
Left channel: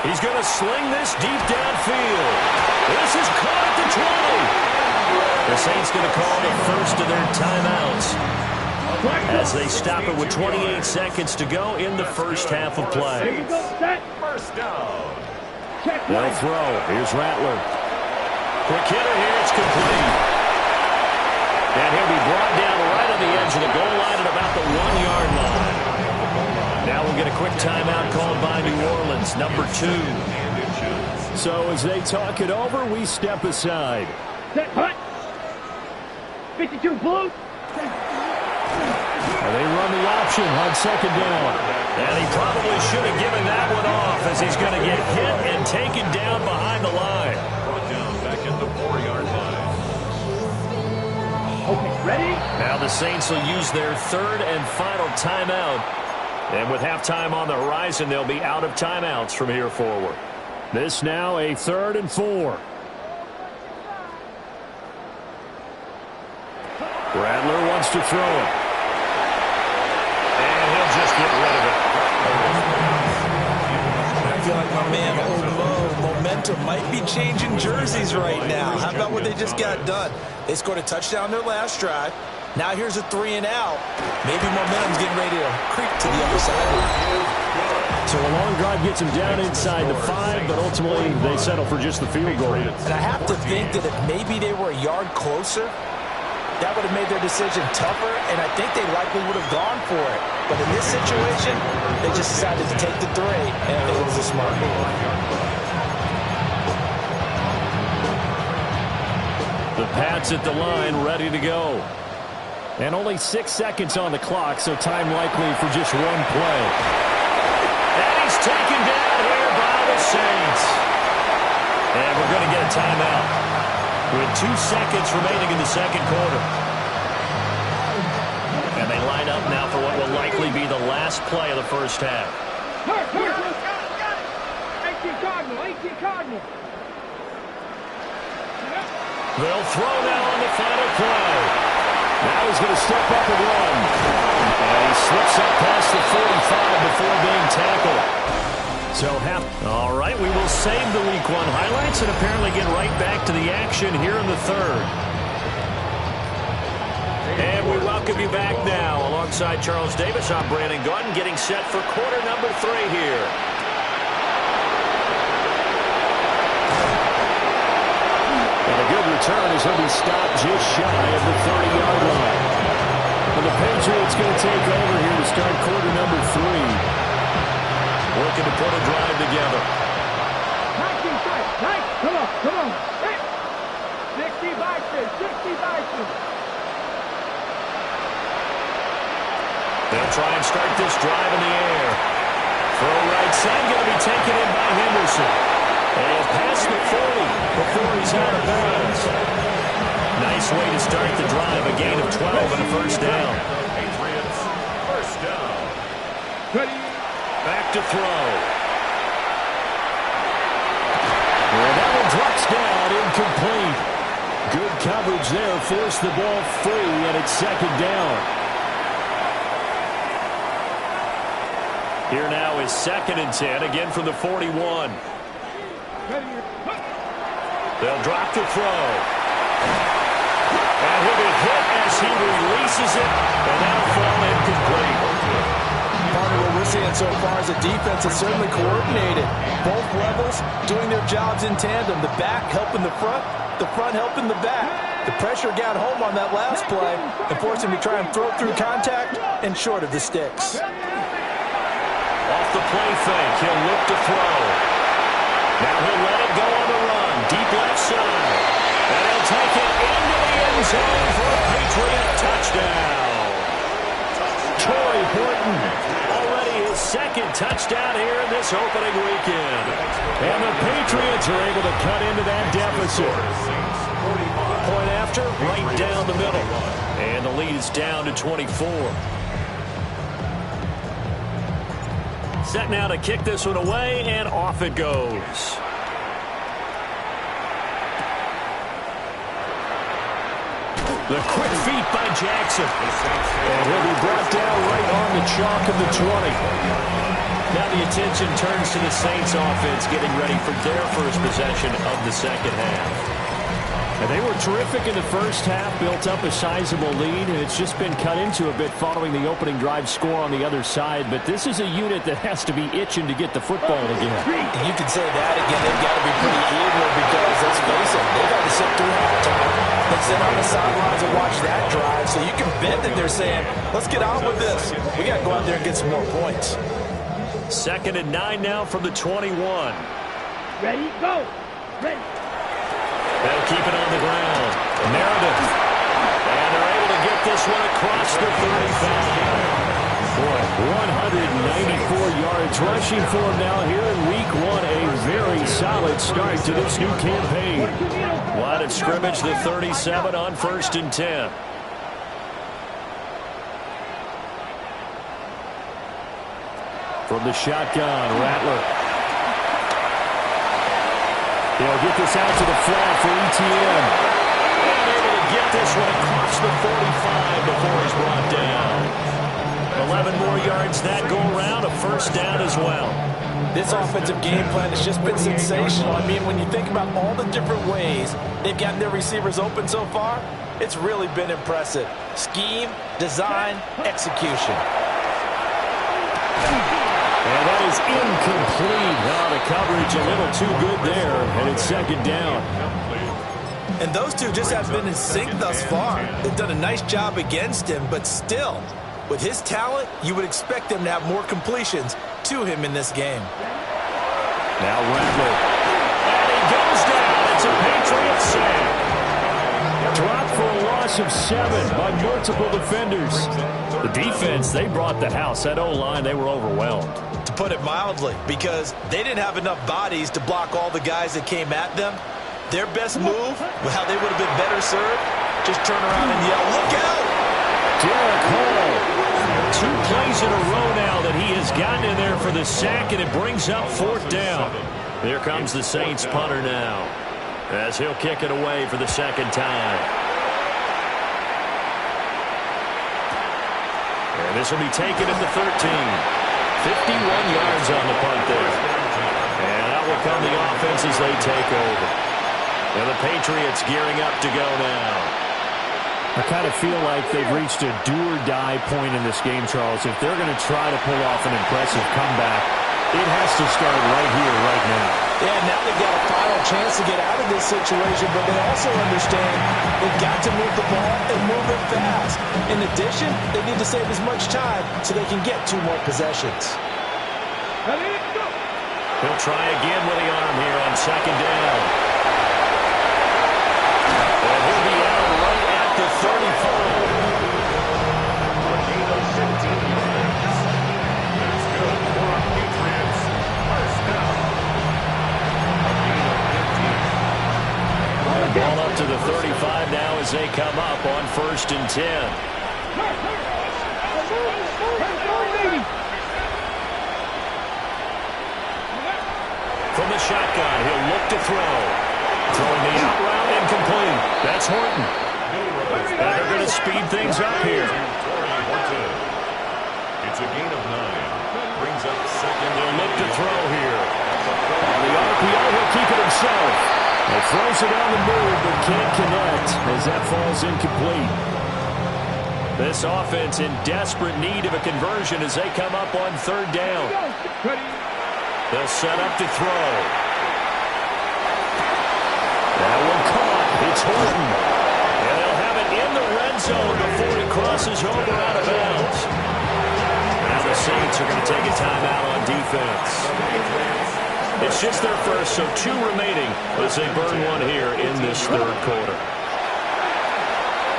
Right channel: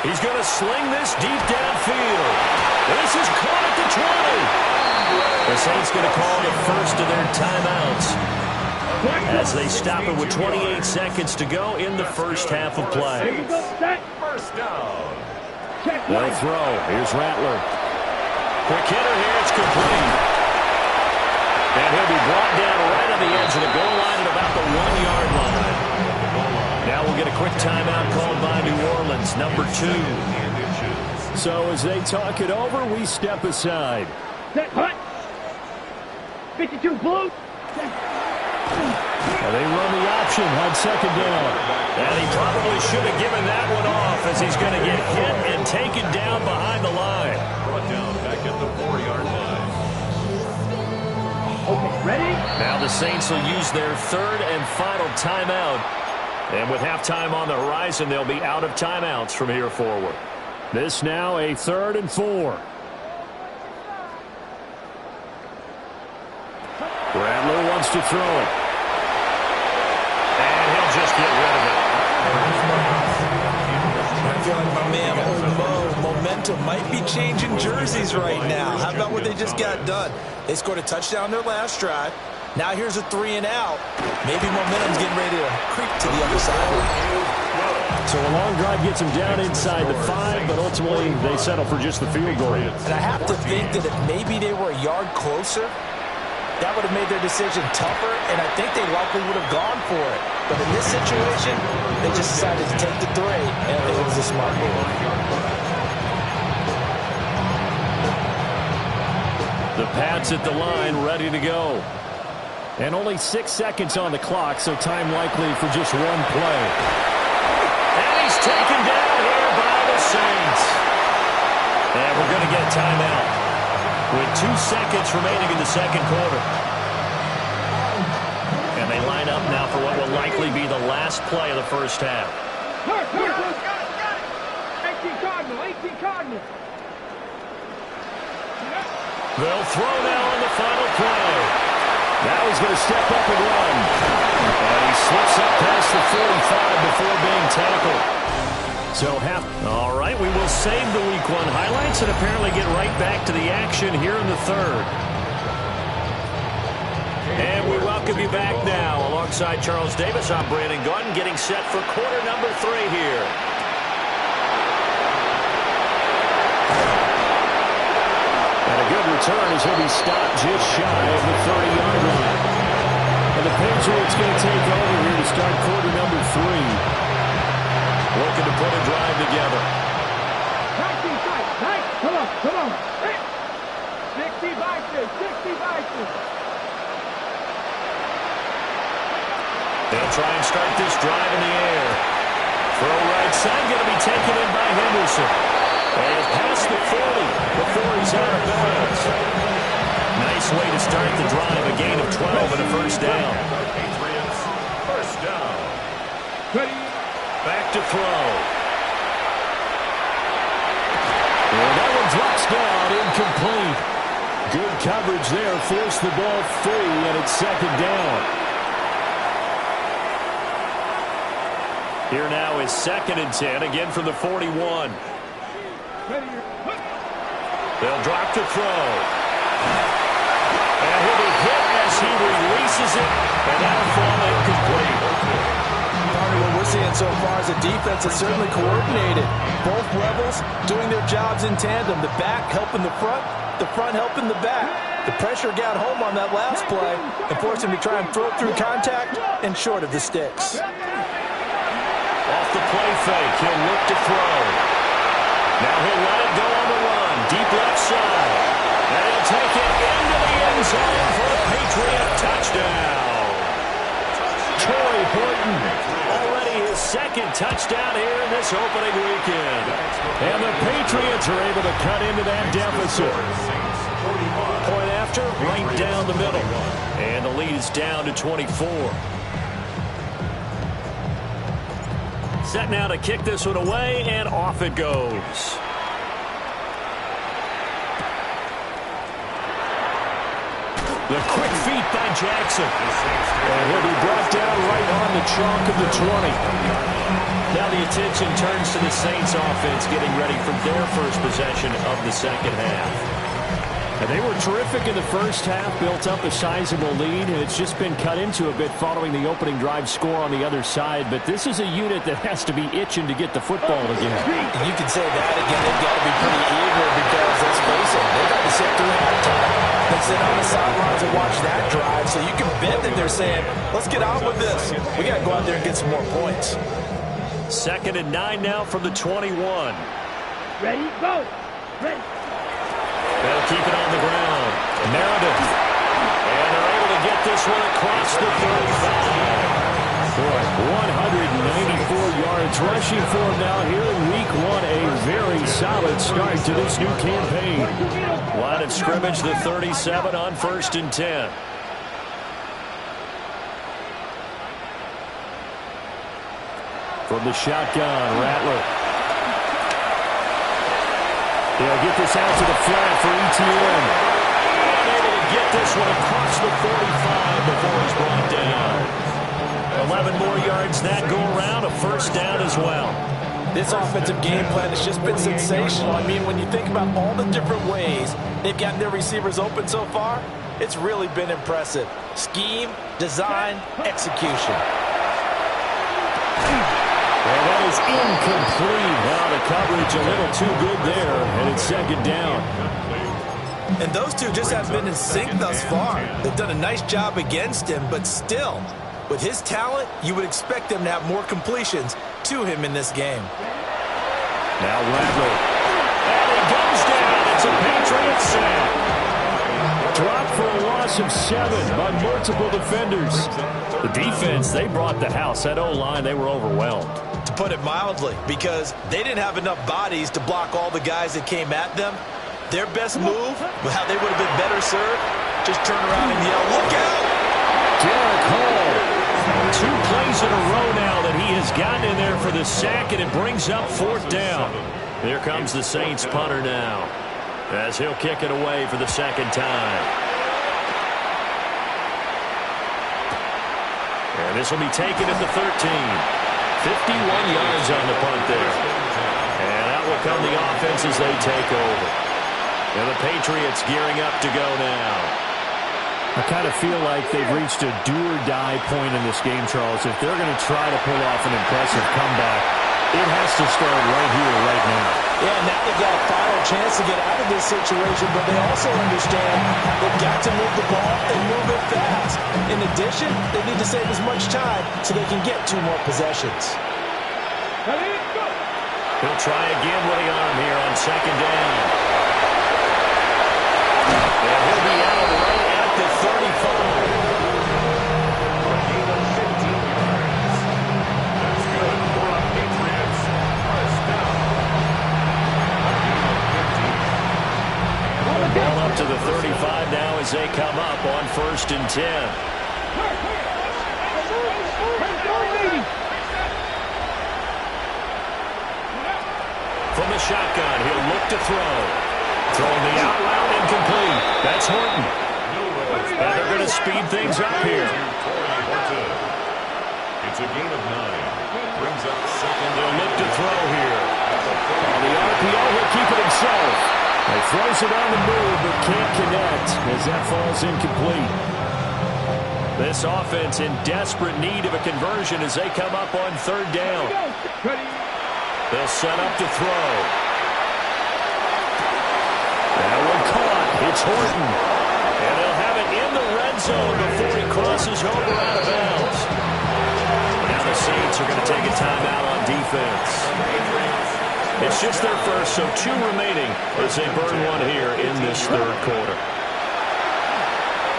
He's going to sling this deep downfield. This is caught at the 20. The Saints going to call the first of their timeouts as they stop it with 28 seconds to go in the first half of play. First down. They'll throw. Here's Rattler. Quick hitter here. It's complete. And he'll be brought down right on the edge of the goal line at about the 1-yard line. Now we'll get a quick timeout called by New Orleans, number 2. So as they talk it over, we step aside. Set, hut. 52 blue. And they run the option on second down. And he probably should have given that one off as he's going to get hit and taken down behind the line. Brought down back at the 4-yard line. Okay, ready? Now the Saints will use their third and final timeout. And with halftime on the horizon, they'll be out of timeouts from here forward. This now a 3rd and 4. Rattler wants to throw it. And he'll just get rid of it. I feel like my man, old Mo, momentum might be changing jerseys right now. How about what they just got done? They scored a touchdown their last drive. Now here's a 3 and out. Maybe momentum's getting ready to creep to the other sideline. So a long drive gets them down inside the 5, but ultimately they settle for just the field goal. And I have to think that if maybe they were a yard closer, that would have made their decision tougher, and I think they likely would have gone for it. But in this situation, they just decided to take the 3, and I think it was a smart move. The Pats at the line, ready to go. And only 6 seconds on the clock, so time likely for just one play. And he's taken down here by the Saints. And we're going to get a timeout with 2 seconds remaining in the second quarter. And they line up now for what will likely be the last play of the first half. 18 Cardinal, 18 Cardinal. They'll throw now on the final play. Now he's going to step up and run. And he slips up past the 45 before being tackled. So all right, we will save the Week 1 highlights and apparently get right back to the action here in the third. And we welcome you back now. Alongside Charles Davis, I'm Brandon Gordon, getting set for quarter number 3 here. And a good return as he'll be stopped just shy of the 30-yard line. And the Patriots going to take over here to start quarter number 3. Looking to put a drive together. Nice. Come on. Hey. 60 Vikings. They'll try and start this drive in the air. Throw right side, going to be taken in by Henderson. And past the 40 before he's out of bounds. Nice way to start the drive, a gain of 12 and a first down. Patriots, first down. Ready. Back to throw. And that one drops down, incomplete. Good coverage there, forced the ball free, and it's second down. Here now is 2nd and 10, again from the 41. They'll drop to throw. And he'll be hit as he releases it, and that'll fall incomplete. Partner, what we're seeing so far is a defense that's certainly coordinated. Both levels doing their jobs in tandem. The back helping the front helping the back. The pressure got home on that last play and forced him to try and throw through contact and short of the sticks. Off the play fake, he'll look to throw. Now he'll let it go on the run, deep left side. And he'll take it into the end zone for a Patriot touchdown. Troy Horton, already his 2nd touchdown here in this opening weekend. And the Patriots are able to cut into that deficit. Point after, right down the middle. And the lead is down to 24. Set now to kick this one away, and off it goes. The quick feet by Jackson. And he'll be brought down right on the chalk of the 20. Now the attention turns to the Saints offense getting ready for their first possession of the second half. And they were terrific in the first half, built up a sizable lead, and it's just been cut into a bit following the opening drive score on the other side. But this is a unit that has to be itching to get the football again. And you can say that again. They've got to be pretty eager because, let's face it, they've got to sit through halftime. They sit on the sidelines and watch that drive. So you can bet that they're saying, let's get on with this. We got to go out there and get some more points. 2nd and 9 now from the 21. Ready, go. Ready. They'll keep it on the ground. Meredith. And they're able to get this one across the 35. Boy, 194 yards rushing for him now here in week 1. A very solid start to this new campaign. Line of scrimmage, the 37 on 1st and 10. From the shotgun, Rattler. They'll get this out to the flat for ETN. And able to get this one across the 45 before he's brought down. 11 more yards that go around, a first down as well. This offensive game plan has just been sensational. I mean, when you think about all the different ways they've gotten their receivers open so far, it's really been impressive. Scheme, design, execution. And that is incomplete. Now the coverage a little too good there, and it's second down. And those two just haven't been in sync thus far. They've done a nice job against him, but still, with his talent, you would expect them to have more completions to him in this game. Now Rattler. And he goes down. It's a Patriot sack. Dropped for a loss of 7 by multiple defenders. The defense, they brought the house. That O-line, they were overwhelmed. To put it mildly, because they didn't have enough bodies to block all the guys that came at them. Their best move, how they would have been better served, just turn around and yell, "Look out!" Derek Hall. 2 plays in a row now that he has gotten in there for the sack, and it brings up 4th down. Here comes the Saints punter now, as he'll kick it away for the second time. And this will be taken at the 13. 51 yards on the punt there. And out will come the offense as they take over. And the Patriots gearing up to go now. I kind of feel like they've reached a do-or-die point in this game, Charles. If they're going to try to pull off an impressive comeback, it has to start right here, right now. Yeah, now they've got a final chance to get out of this situation, but they also understand they've got to move the ball and move it fast. In addition, they need to save as much time so they can get 2 more possessions. He'll try again with the arm here on second down. And he'll be out right at the 35. A gain of 15 yards. That's good for a Patriots first down. A gain of 15. And Ball up to the 35 now as they come up on 1st and 10. From the shotgun, he'll look to throw. Throwing the out route incomplete. That's Horton. And they're going to speed things up here. It's a gain of 9. Brings up second. They'll look to throw here. On the RPO, he'll keep it himself. He throws it on the move, but can't connect as that falls incomplete. This offense in desperate need of a conversion as they come up on 3rd down. They'll set up to throw. That one caught. It's Horton. And they'll have it in the red zone before he crosses over out of bounds. Now the Saints are going to take a timeout on defense. It's just their first, so 2 remaining as they burn one here in this 3rd quarter.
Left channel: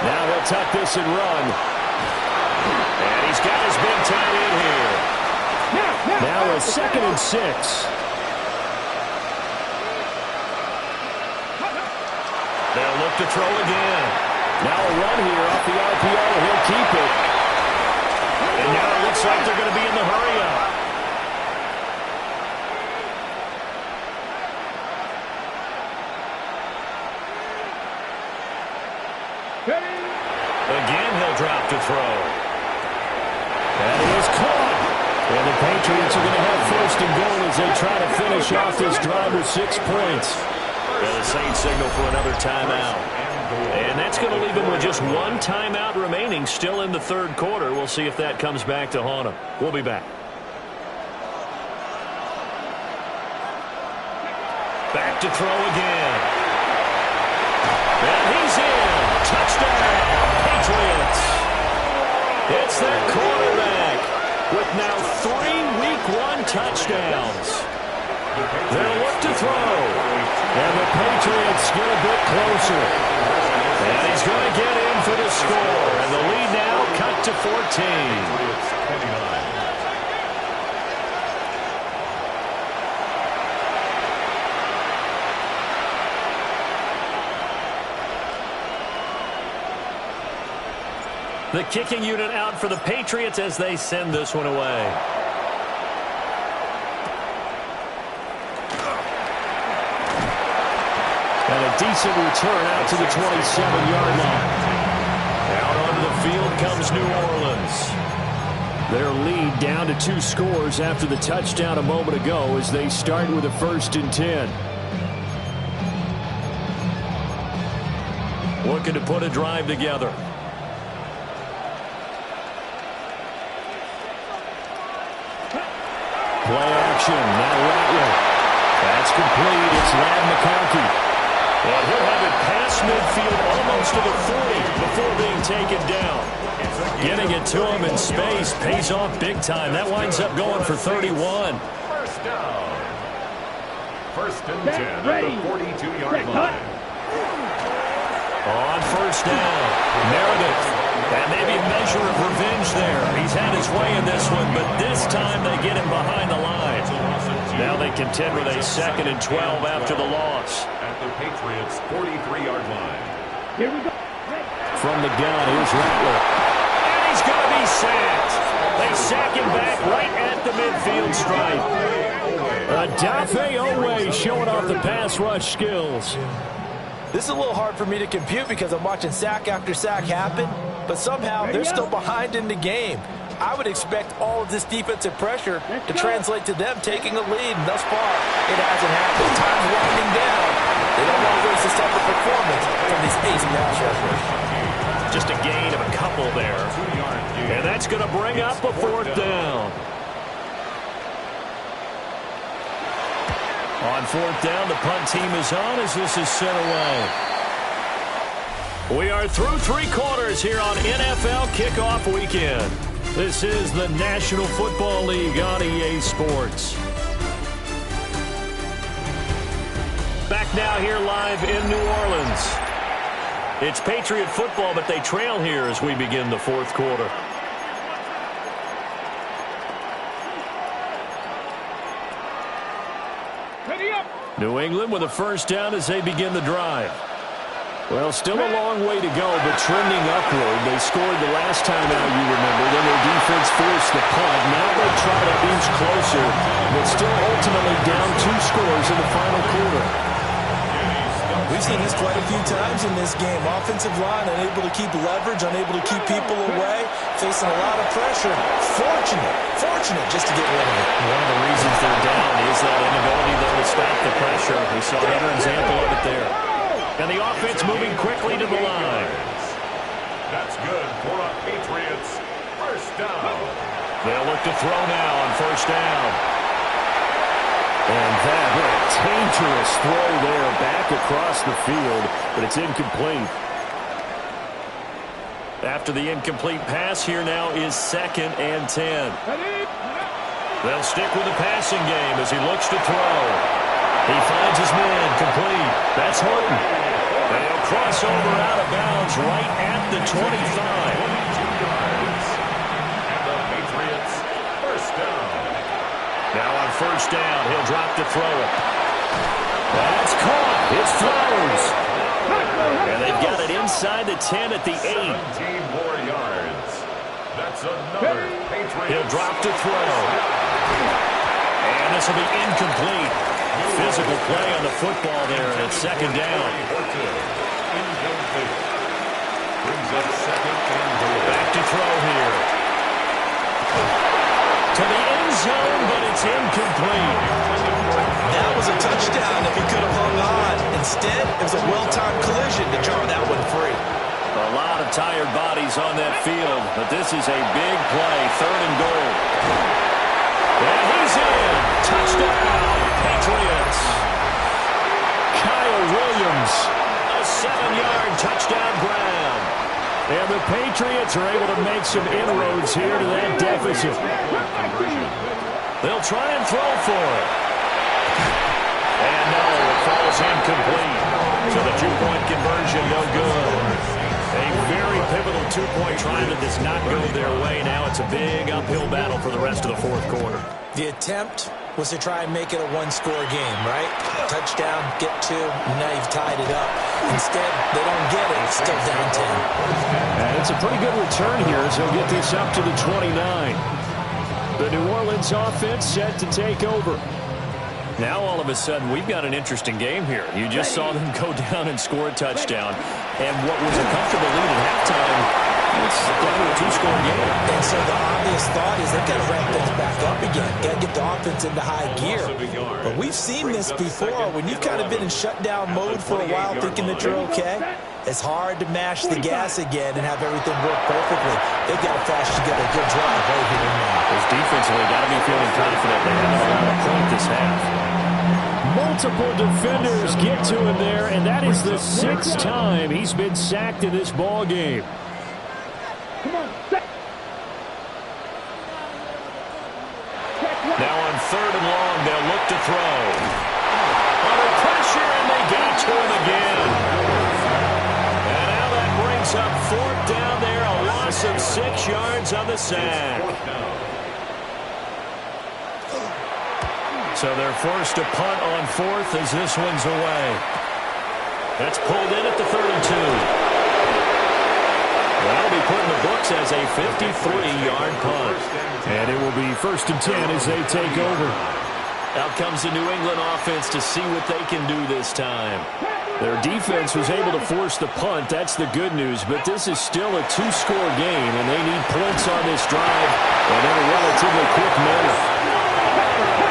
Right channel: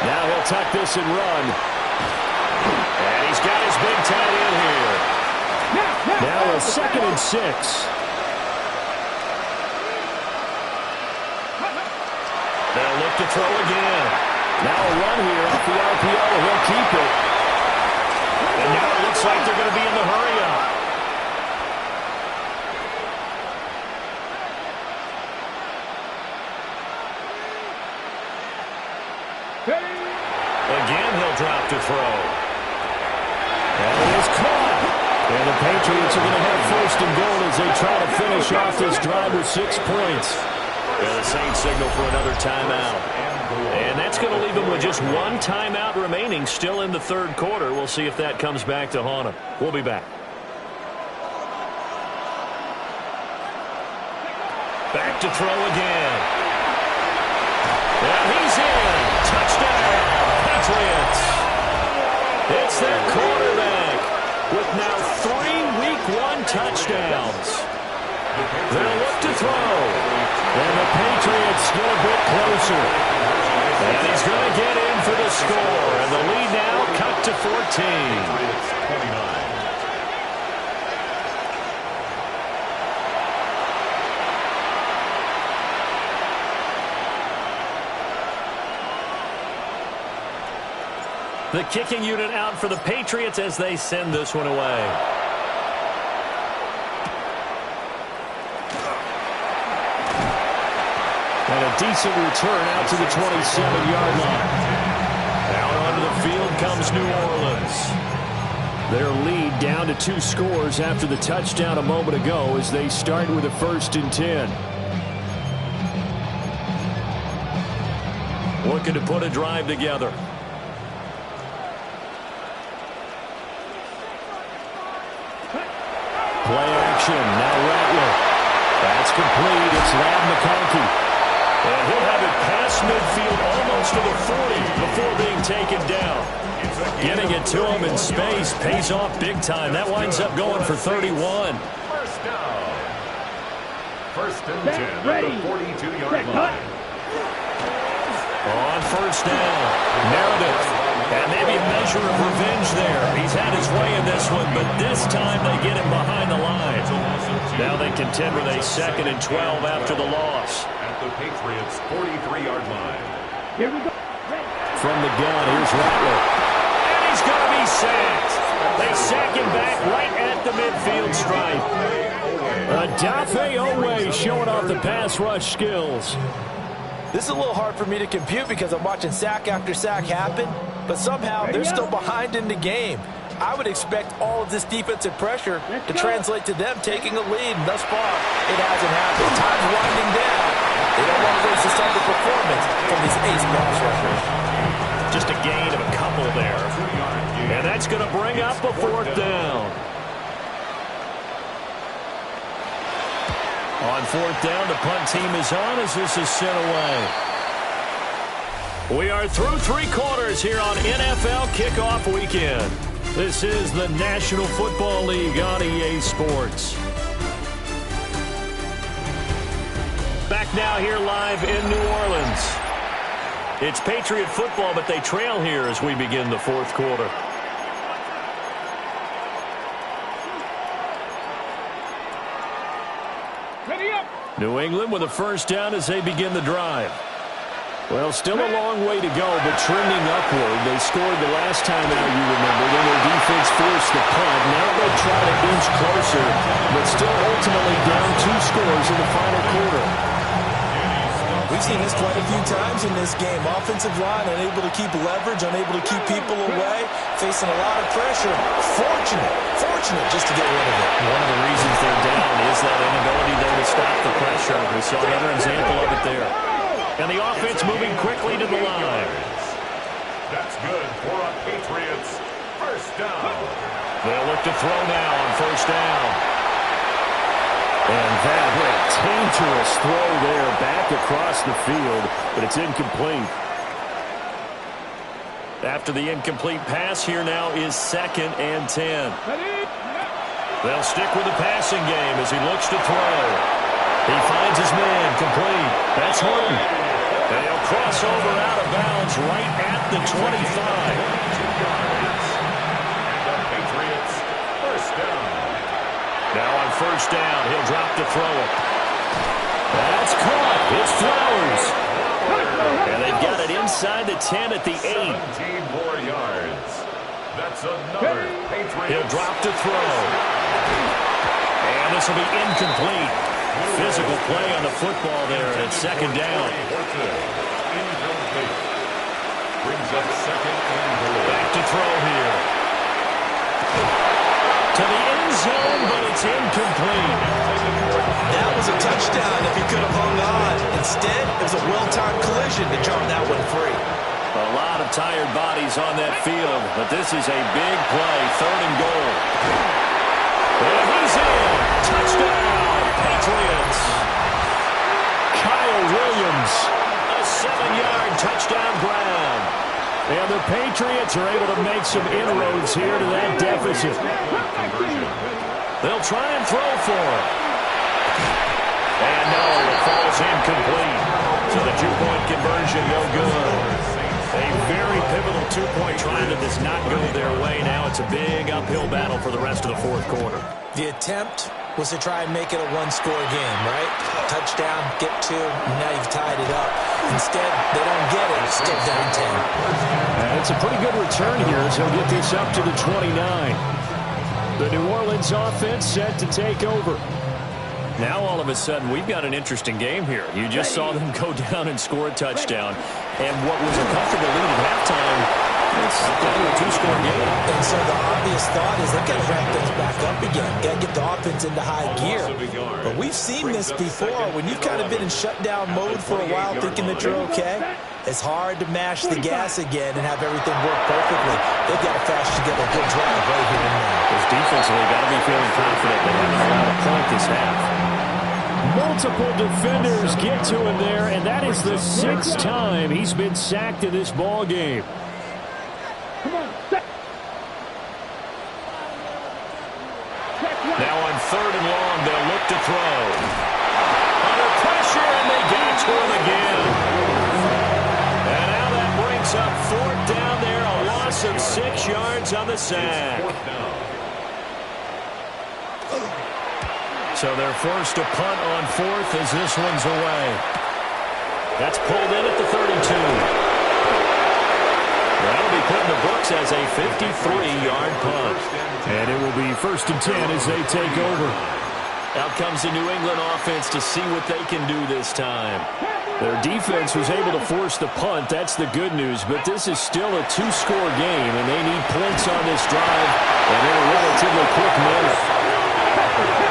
Now he'll tuck this and run. And he's got his big tight end here. Now a 2nd and 6. They'll look to throw again. Now a run here off the RPO. He'll keep it. And now it looks like they're going to be in the hurry-up. Again, he'll drop to throw. And he is caught. And the Patriots are going to have 1st and goal as they try to finish off this drive with 6 points. Yeah, the Saints signal for another timeout. And that's going to leave them with just 1 timeout remaining still in the 3rd quarter. We'll see if that comes back to haunt them. We'll be back. Back to throw again. And he's in. Touchdown, Patriots. It's their quarterback with now 3 Week 1 touchdowns. They'll look to throw. And the Patriots get a bit closer. And he's going to get in for the score. And the lead now cut to 14. The kicking unit out for the Patriots as they send this one away. And a decent return out to the 27-yard line. Out onto the field comes New Orleans. Their lead down to 2 scores after the touchdown a moment ago as they start with a 1st and 10. Looking to put a drive together. Play action. Now Rattler. That's complete. It's Ladd McConkey. And he'll have it past midfield almost to the 40 before being taken down. Getting it to him in space pays off big time. That winds up going for 31. First down. 1st and 10 at the 42-yard line. On 1st down, Meredith. And maybe a measure of revenge there. He's had his way in this one, but this time they get him behind the line. Now they contend with a 2nd and 12 after the loss. At the Patriots' 43-yard line. Here we go. From the gun, here's Rattler. And he's going to be sacked. They sack him back right at the midfield stripe. Odafe Oweh showing off the pass rush skills. This is a little hard for me to compute because I'm watching sack after sack happen, but somehow they're still behind in the game. I would expect all of this defensive pressure to translate to them taking a lead. And thus far, it hasn't happened. Time's winding down. They don't want to waste this type of performance from these ace pass rushers. Just a gain of a couple there. And that's going to bring up a fourth down. On fourth down, the punt team is on as this is sent away. We are through three quarters here on NFL Kickoff Weekend. This is the National Football League on EA Sports. Back now here live in New Orleans. It's Patriot football, but they trail here as we begin the fourth quarter. New England with a first down as they begin the drive. Well, still a long way to go, but trending upward. They scored the last time out, you remember. Then their defense forced the punt. Now they try to inch closer, but still ultimately down 2 scores in the final quarter. We've seen this quite a few times in this game. Offensive line unable to keep leverage, unable to keep people away, facing a lot of pressure. Fortunate just to get rid of it. One of the reasons they're down is that inability, though, to stop the pressure. We saw another example of it there. And the offense moving quickly to the line. That's good for a Patriots first down. They'll look to throw now on first down. And that dangerous throw there back across the field, but it's incomplete. After the incomplete pass, here now is 2nd and 10. They'll stick with the passing game as he looks to throw. He finds his man complete. That's Horton. And he'll cross over out of bounds right at the 25. 22 yards. And the Patriots first down. Now on first down, he'll drop to throw it. That's caught. It's Flowers. And they've got it inside the 10 at the 8. 17 more yards. That's another Patriots. He'll drop to throw. And this will be incomplete. Physical play on the football there, and it's 2nd down. Incomplete. Brings up 2nd and goal. Back to throw here. To the end zone, but it's incomplete. That was a touchdown if he could have hung on. Instead, it was a well-timed collision to jar that one free. A lot of tired bodies on that field, but this is a big play, 3rd and goal. And he's in. Touchdown, Patriots. Kyle Williams, a 7-yard touchdown grab. And the Patriots are able to make some inroads here to that deficit. They'll try and throw for it. And no, it falls incomplete. So the 2-point conversion, no good. A very pivotal 2-point try that does not go their way. Now it's a big uphill battle for the rest of the fourth quarter. The attempt was to try and make it a 1-score game, right? Touchdown, get 2, now you've tied it up. Instead, they don't get it. It's still down 10. And it's a pretty good return here as he'll get this up to the 29. The New Orleans offense set to take over. Now, all of a sudden, we've got an interesting game here. You just saw them go down and score a touchdown. And what was a comfortable lead at halftime, it's down to a 2-score game. And so the obvious thought is they've got to ramp things back up again. Got to get the offense into high gear. But we've seen this before. When you've kind of been in shutdown mode for a while thinking that you're okay, it's hard to mash the gas again and have everything work perfectly. They've got to fast together a good drive right here and now. Because defensively, got to be feeling confident. They haven't allowed a point this half. Multiple defenders get to him there, and that is the 6th time he's been sacked in this ball game. Now on 3rd and long, they'll look to throw. Under pressure, and they got to him again. And now that brings up 4th down there, a loss of 6 yards on the sack. So they're forced to punt on 4th as this one's away. That's pulled in at the 32. That'll be put in the books as a 53-yard punt. And it will be 1st and 10 as they take over. Out comes the New England offense to see what they can do this time. Their defense was able to force the punt. That's the good news. But this is still a two-score game, and they need points on this drive and in a relatively quick manner.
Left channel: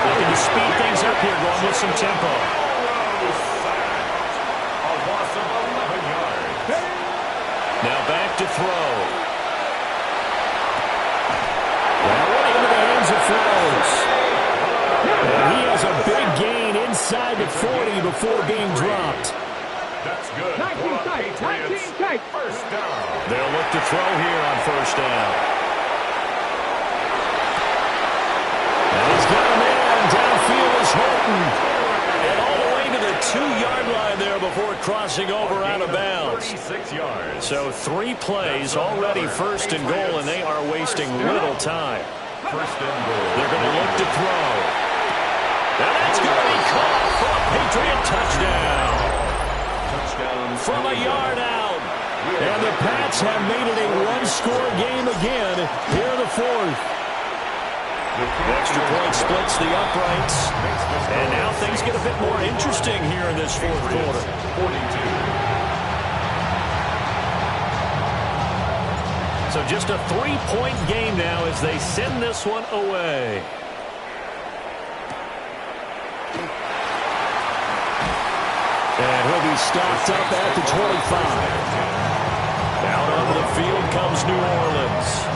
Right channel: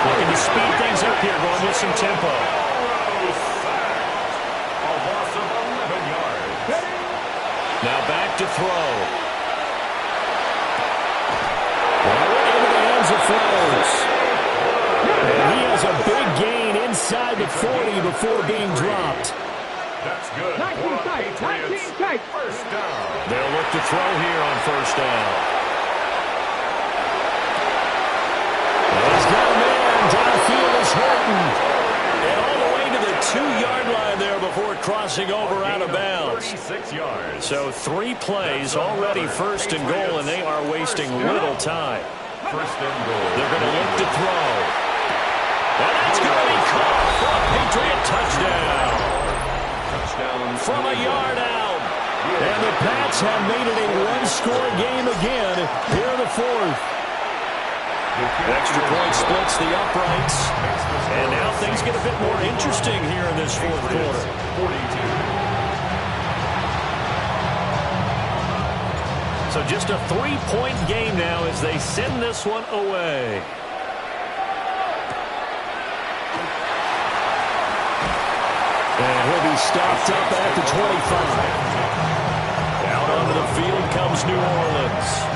Looking to speed things up here, going with some tempo. A loss of 11 yards. Now back to throw. That went into the hands of Flowers. And he has a big gain inside the 40 before being dropped. That's good. 19 tight, 19 tight. First down. They'll look to throw here on first down. And he's got a man. Downfield is Horton. And all the way to the 2-yard line there before crossing over out of bounds. 36 yards. So 3 plays already first and goal, and they are wasting little time. First and goal. They're going to look to throw. And that's going to be caught for a Patriot touchdown. Touchdown. From a yard out. And the Pats have made it a one-score game again here in the fourth. Extra point splits the uprights. And now things get a bit more interesting here in this fourth quarter. 42. So just a 3-point game now as they send this one away. And he'll be stopped up at the 25. Out onto the field comes New Orleans.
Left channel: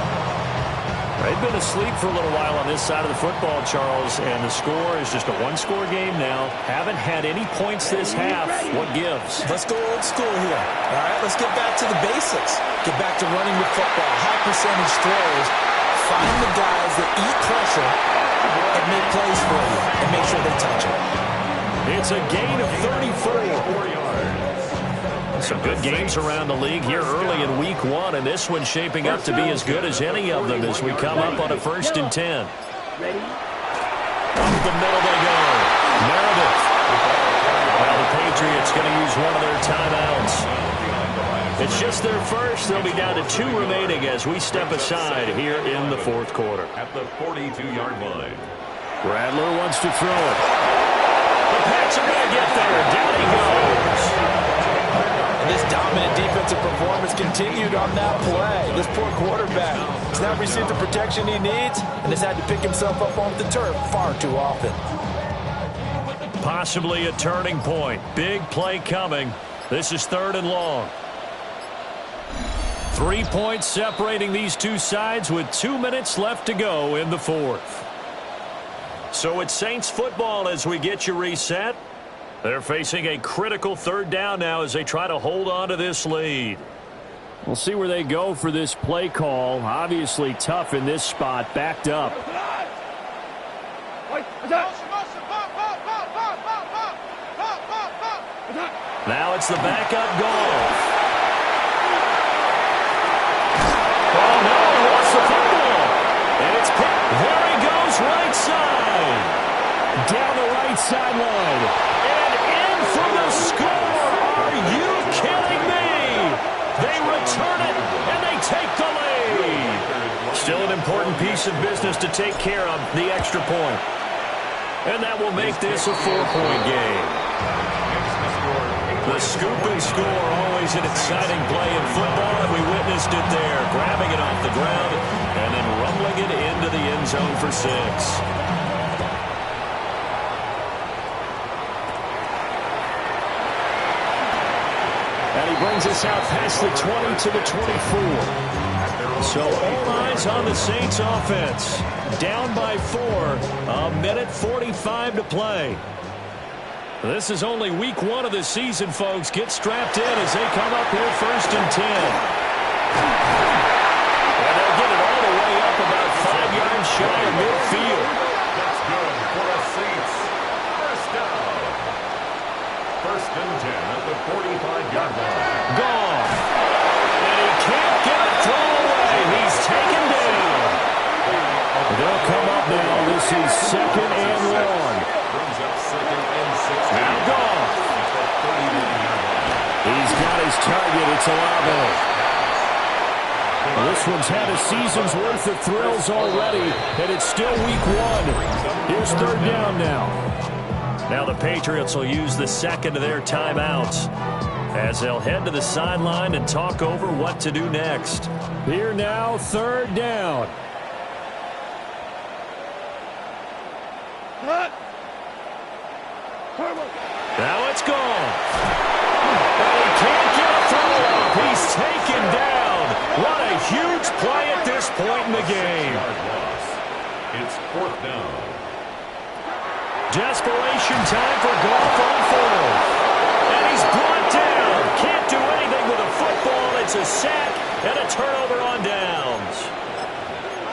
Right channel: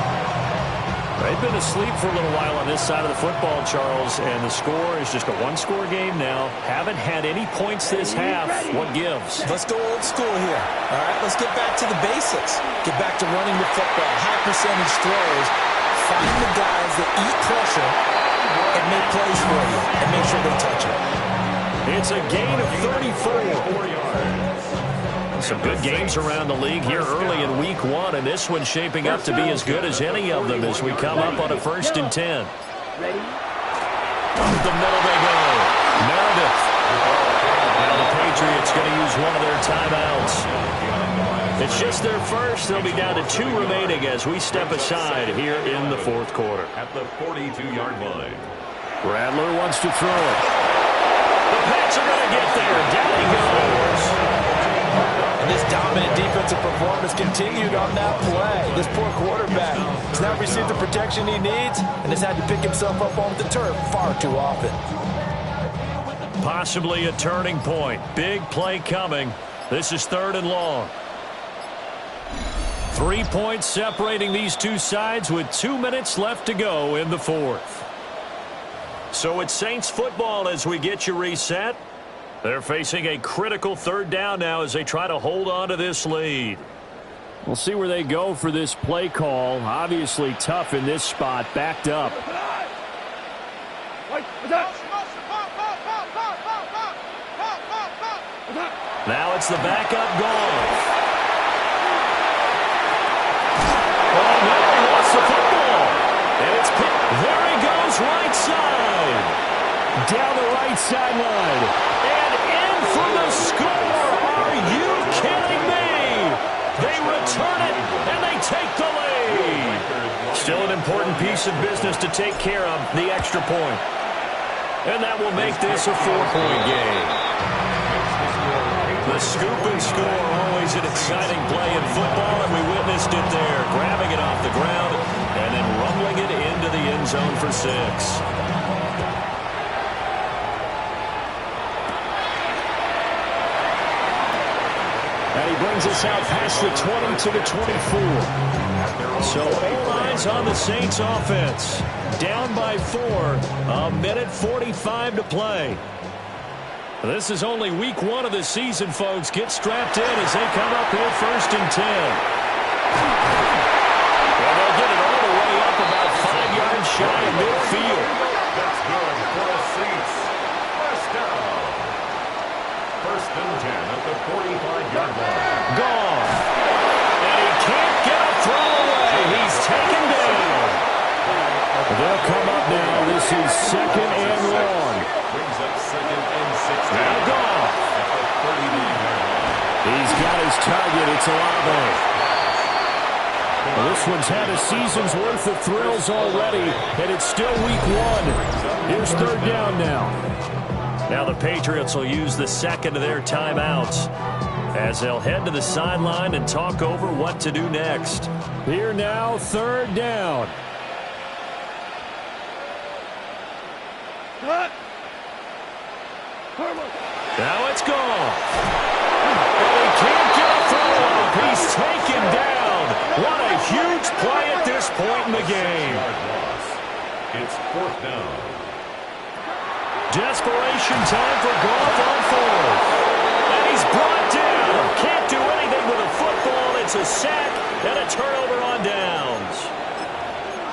They've been asleep for a little while on this side of the football, Charles, and the score is just a one-score game now. Haven't had any points this half. What gives? Let's go old school here. All right, let's get back to the basics. Get back to running the football, high percentage throws. Find the guys that eat pressure and make plays for you and make sure they touch it. It's a gain of 34. 4 yards. Some good games around the league here early in week 1, and this one's shaping up to be as good as any of them as we come up on a 1st and 10. Ready? Up the middle they go. Meredith. Now the Patriots going to use one of their timeouts. It's just their first. They'll be down to 2 remaining as we step aside here in the fourth quarter. At the 42-yard line. Rattler wants to throw it. The Pats are going to get there. Down he goes. And this dominant defensive performance continued on that play. This poor quarterback has not received the protection he needs and has had to pick himself up off the turf far too often. Possibly a turning point. Big play coming. This is 3rd and long. 3 points separating these two sides with 2 minutes left to go in the fourth. So it's Saints football as we get you reset. They're facing a critical 3rd down now as they try to hold on to this lead. We'll see where they go for this play call. Obviously tough in this spot, backed up. Now it's the backup Goff. Oh, no, he lost the football. And it's picked. There he goes, right side. Down the right sideline. And in for the score. Are you kidding me? They return it, and they take the lead. Still an important piece of business to take care of, the extra point. And that will make this a 4-point game. The scoop and score, always an exciting play in football, and we witnessed it there, grabbing it off the ground and then rumbling it into the end zone for 6. And he brings us out past the 20 to the 24. So all eyes on the Saints offense. Down by 4, a minute 45 to play. This is only week 1 of the season, folks. Get strapped in as they come up here 1st and 10. And they'll get it all the way up about 5 yards shy of midfield. That's good for a Saints. First down. 1st and 10 at the 45-yard line. Gone. And he can't get a throw away. He's taken down. They'll come up now. This is 2nd and long. Brings up 2nd and 16. Now Gone. At the 39-yard line. He's got his target. It's Olave. Well, this one's had a season's worth of thrills already, and it's still week 1. Here's 3rd down now. Now the Patriots will use the second of their timeouts as they'll head to the sideline and talk over what to do next. Here now, third down. Now it's gone. And he can't get a throw off. He's taken down. What a huge play at this point in the game. It's fourth down. Desperation time for Goff on fourth. And he's brought down. Can't do anything with a football. It's a sack and a turnover on downs.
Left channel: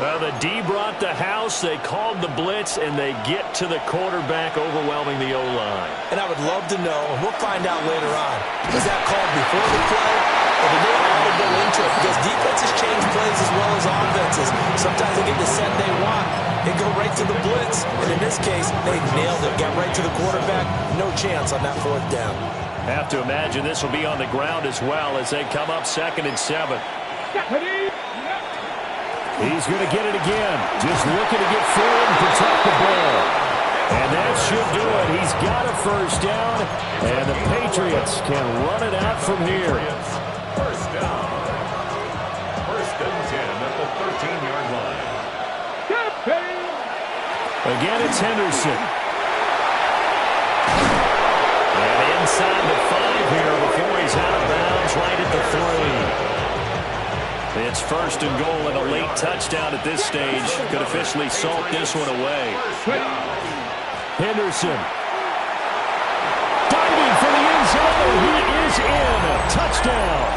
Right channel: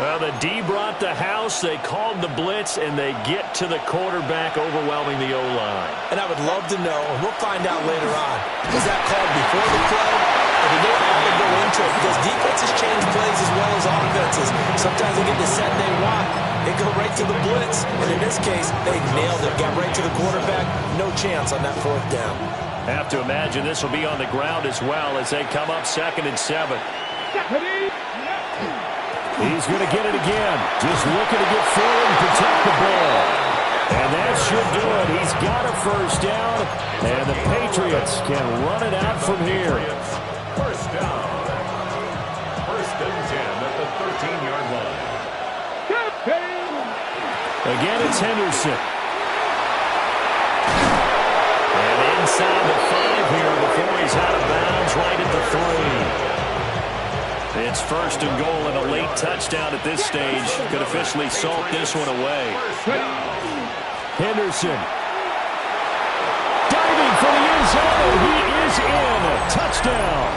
Well, the D brought the house. They called the blitz, and they get to the quarterback, overwhelming the O-line. And I would love to know, and we'll find out later on, was that called before the play, or did they all go into it? Because defenses change plays as well as offenses. Sometimes they get the set they want. They go right to the blitz, and in this case, they nailed it. Got right to the quarterback. No chance on that fourth down. Have to imagine this will be on the ground as well as they come up 2nd and 7. He's going to get it again. Just looking to get forward and protect the ball. And that should do it. He's got a first down, and the Patriots can run it out from here. First down. First and 10 at the 13-yard line. Again, it's Henderson. And inside the 5 here before he's out of bounds right at the 3. It's first and goal and a late touchdown at this stage. Could officially salt this one away. Henderson. Diving for the end zone, and he is in. Touchdown.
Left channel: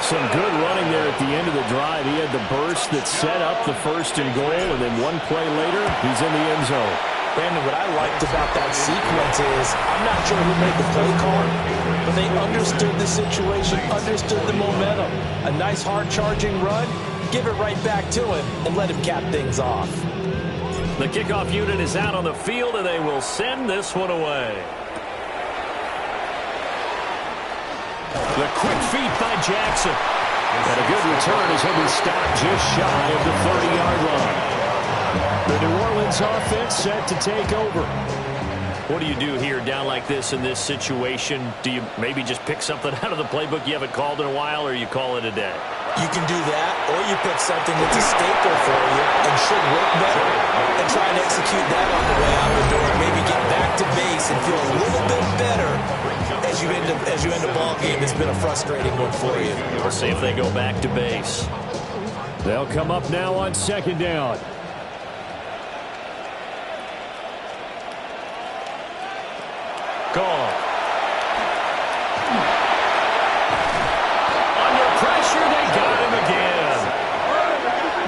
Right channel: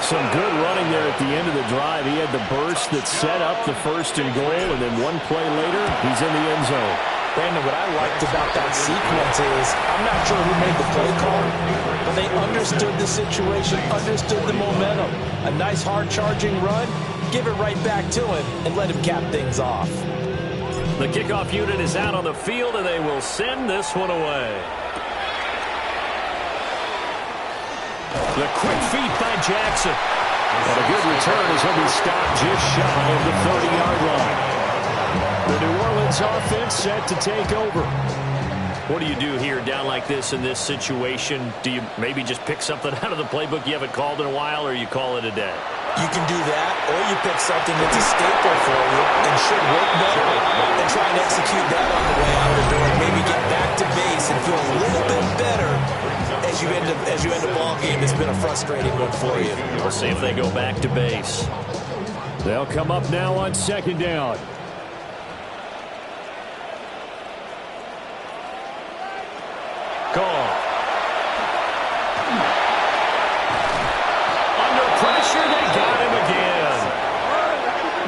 Some good running there at the end of the drive. He had the burst that set up the first and goal, and then one play later, he's in the end zone. Brandon, what I liked about that sequence is I'm not sure who made the play call, but they understood the situation, understood the momentum. A nice hard-charging run, give it right back to him, and let him cap things off. The kickoff unit is out on the field, and they will send this one away. The quick feet by Jackson. And a good return as he'll be stopped just shy of the 30-yard line. The New Orleans offense set to take over. What do you do here down like this in this situation? Do you maybe just pick something out of the playbook you haven't called in a while, or you call it a day? You can do that, or you pick something that's a staple for you and should work better and try and execute that on the way out the door. Maybe get back to base and feel a little bit better as you end a ball game that's been a frustrating one for you. We'll see if they go back to base. They'll come up now on 2nd down. Gone. Under pressure, they got him again.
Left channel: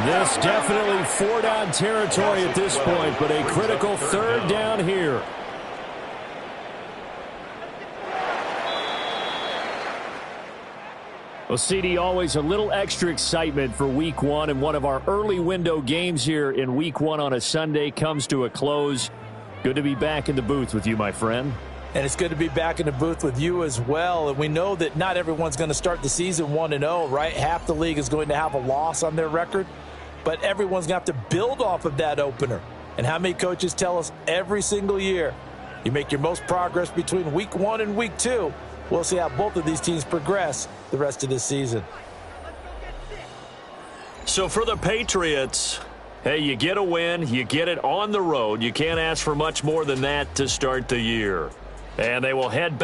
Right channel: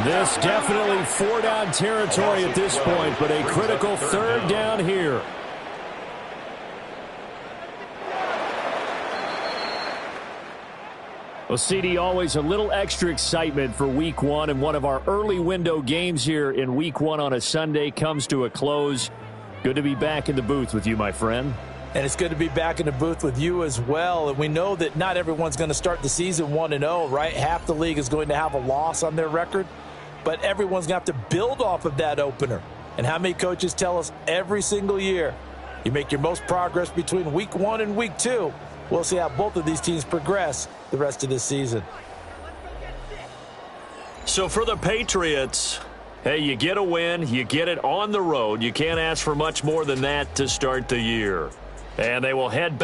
This definitely 4-down territory at this point, but a critical 3rd down here. Well, CD, always a little extra excitement for Week 1, and one of our early window games here in Week 1 on a Sunday comes to a close. Good to be back in the booth with you, my friend. And it's good to be back in the booth with you as well. And we know that not everyone's going to start the season 1-0, right? Half the league is going to have a loss on their record. But everyone's going to have to build off of that opener. And how many coaches tell us every single year, you make your most progress between Week 1 and Week 2. We'll see how both of these teams progress the rest of this season. So for the Patriots, hey, you get a win, you get it on the road. You can't ask for much more than that to start the year. And they will head back.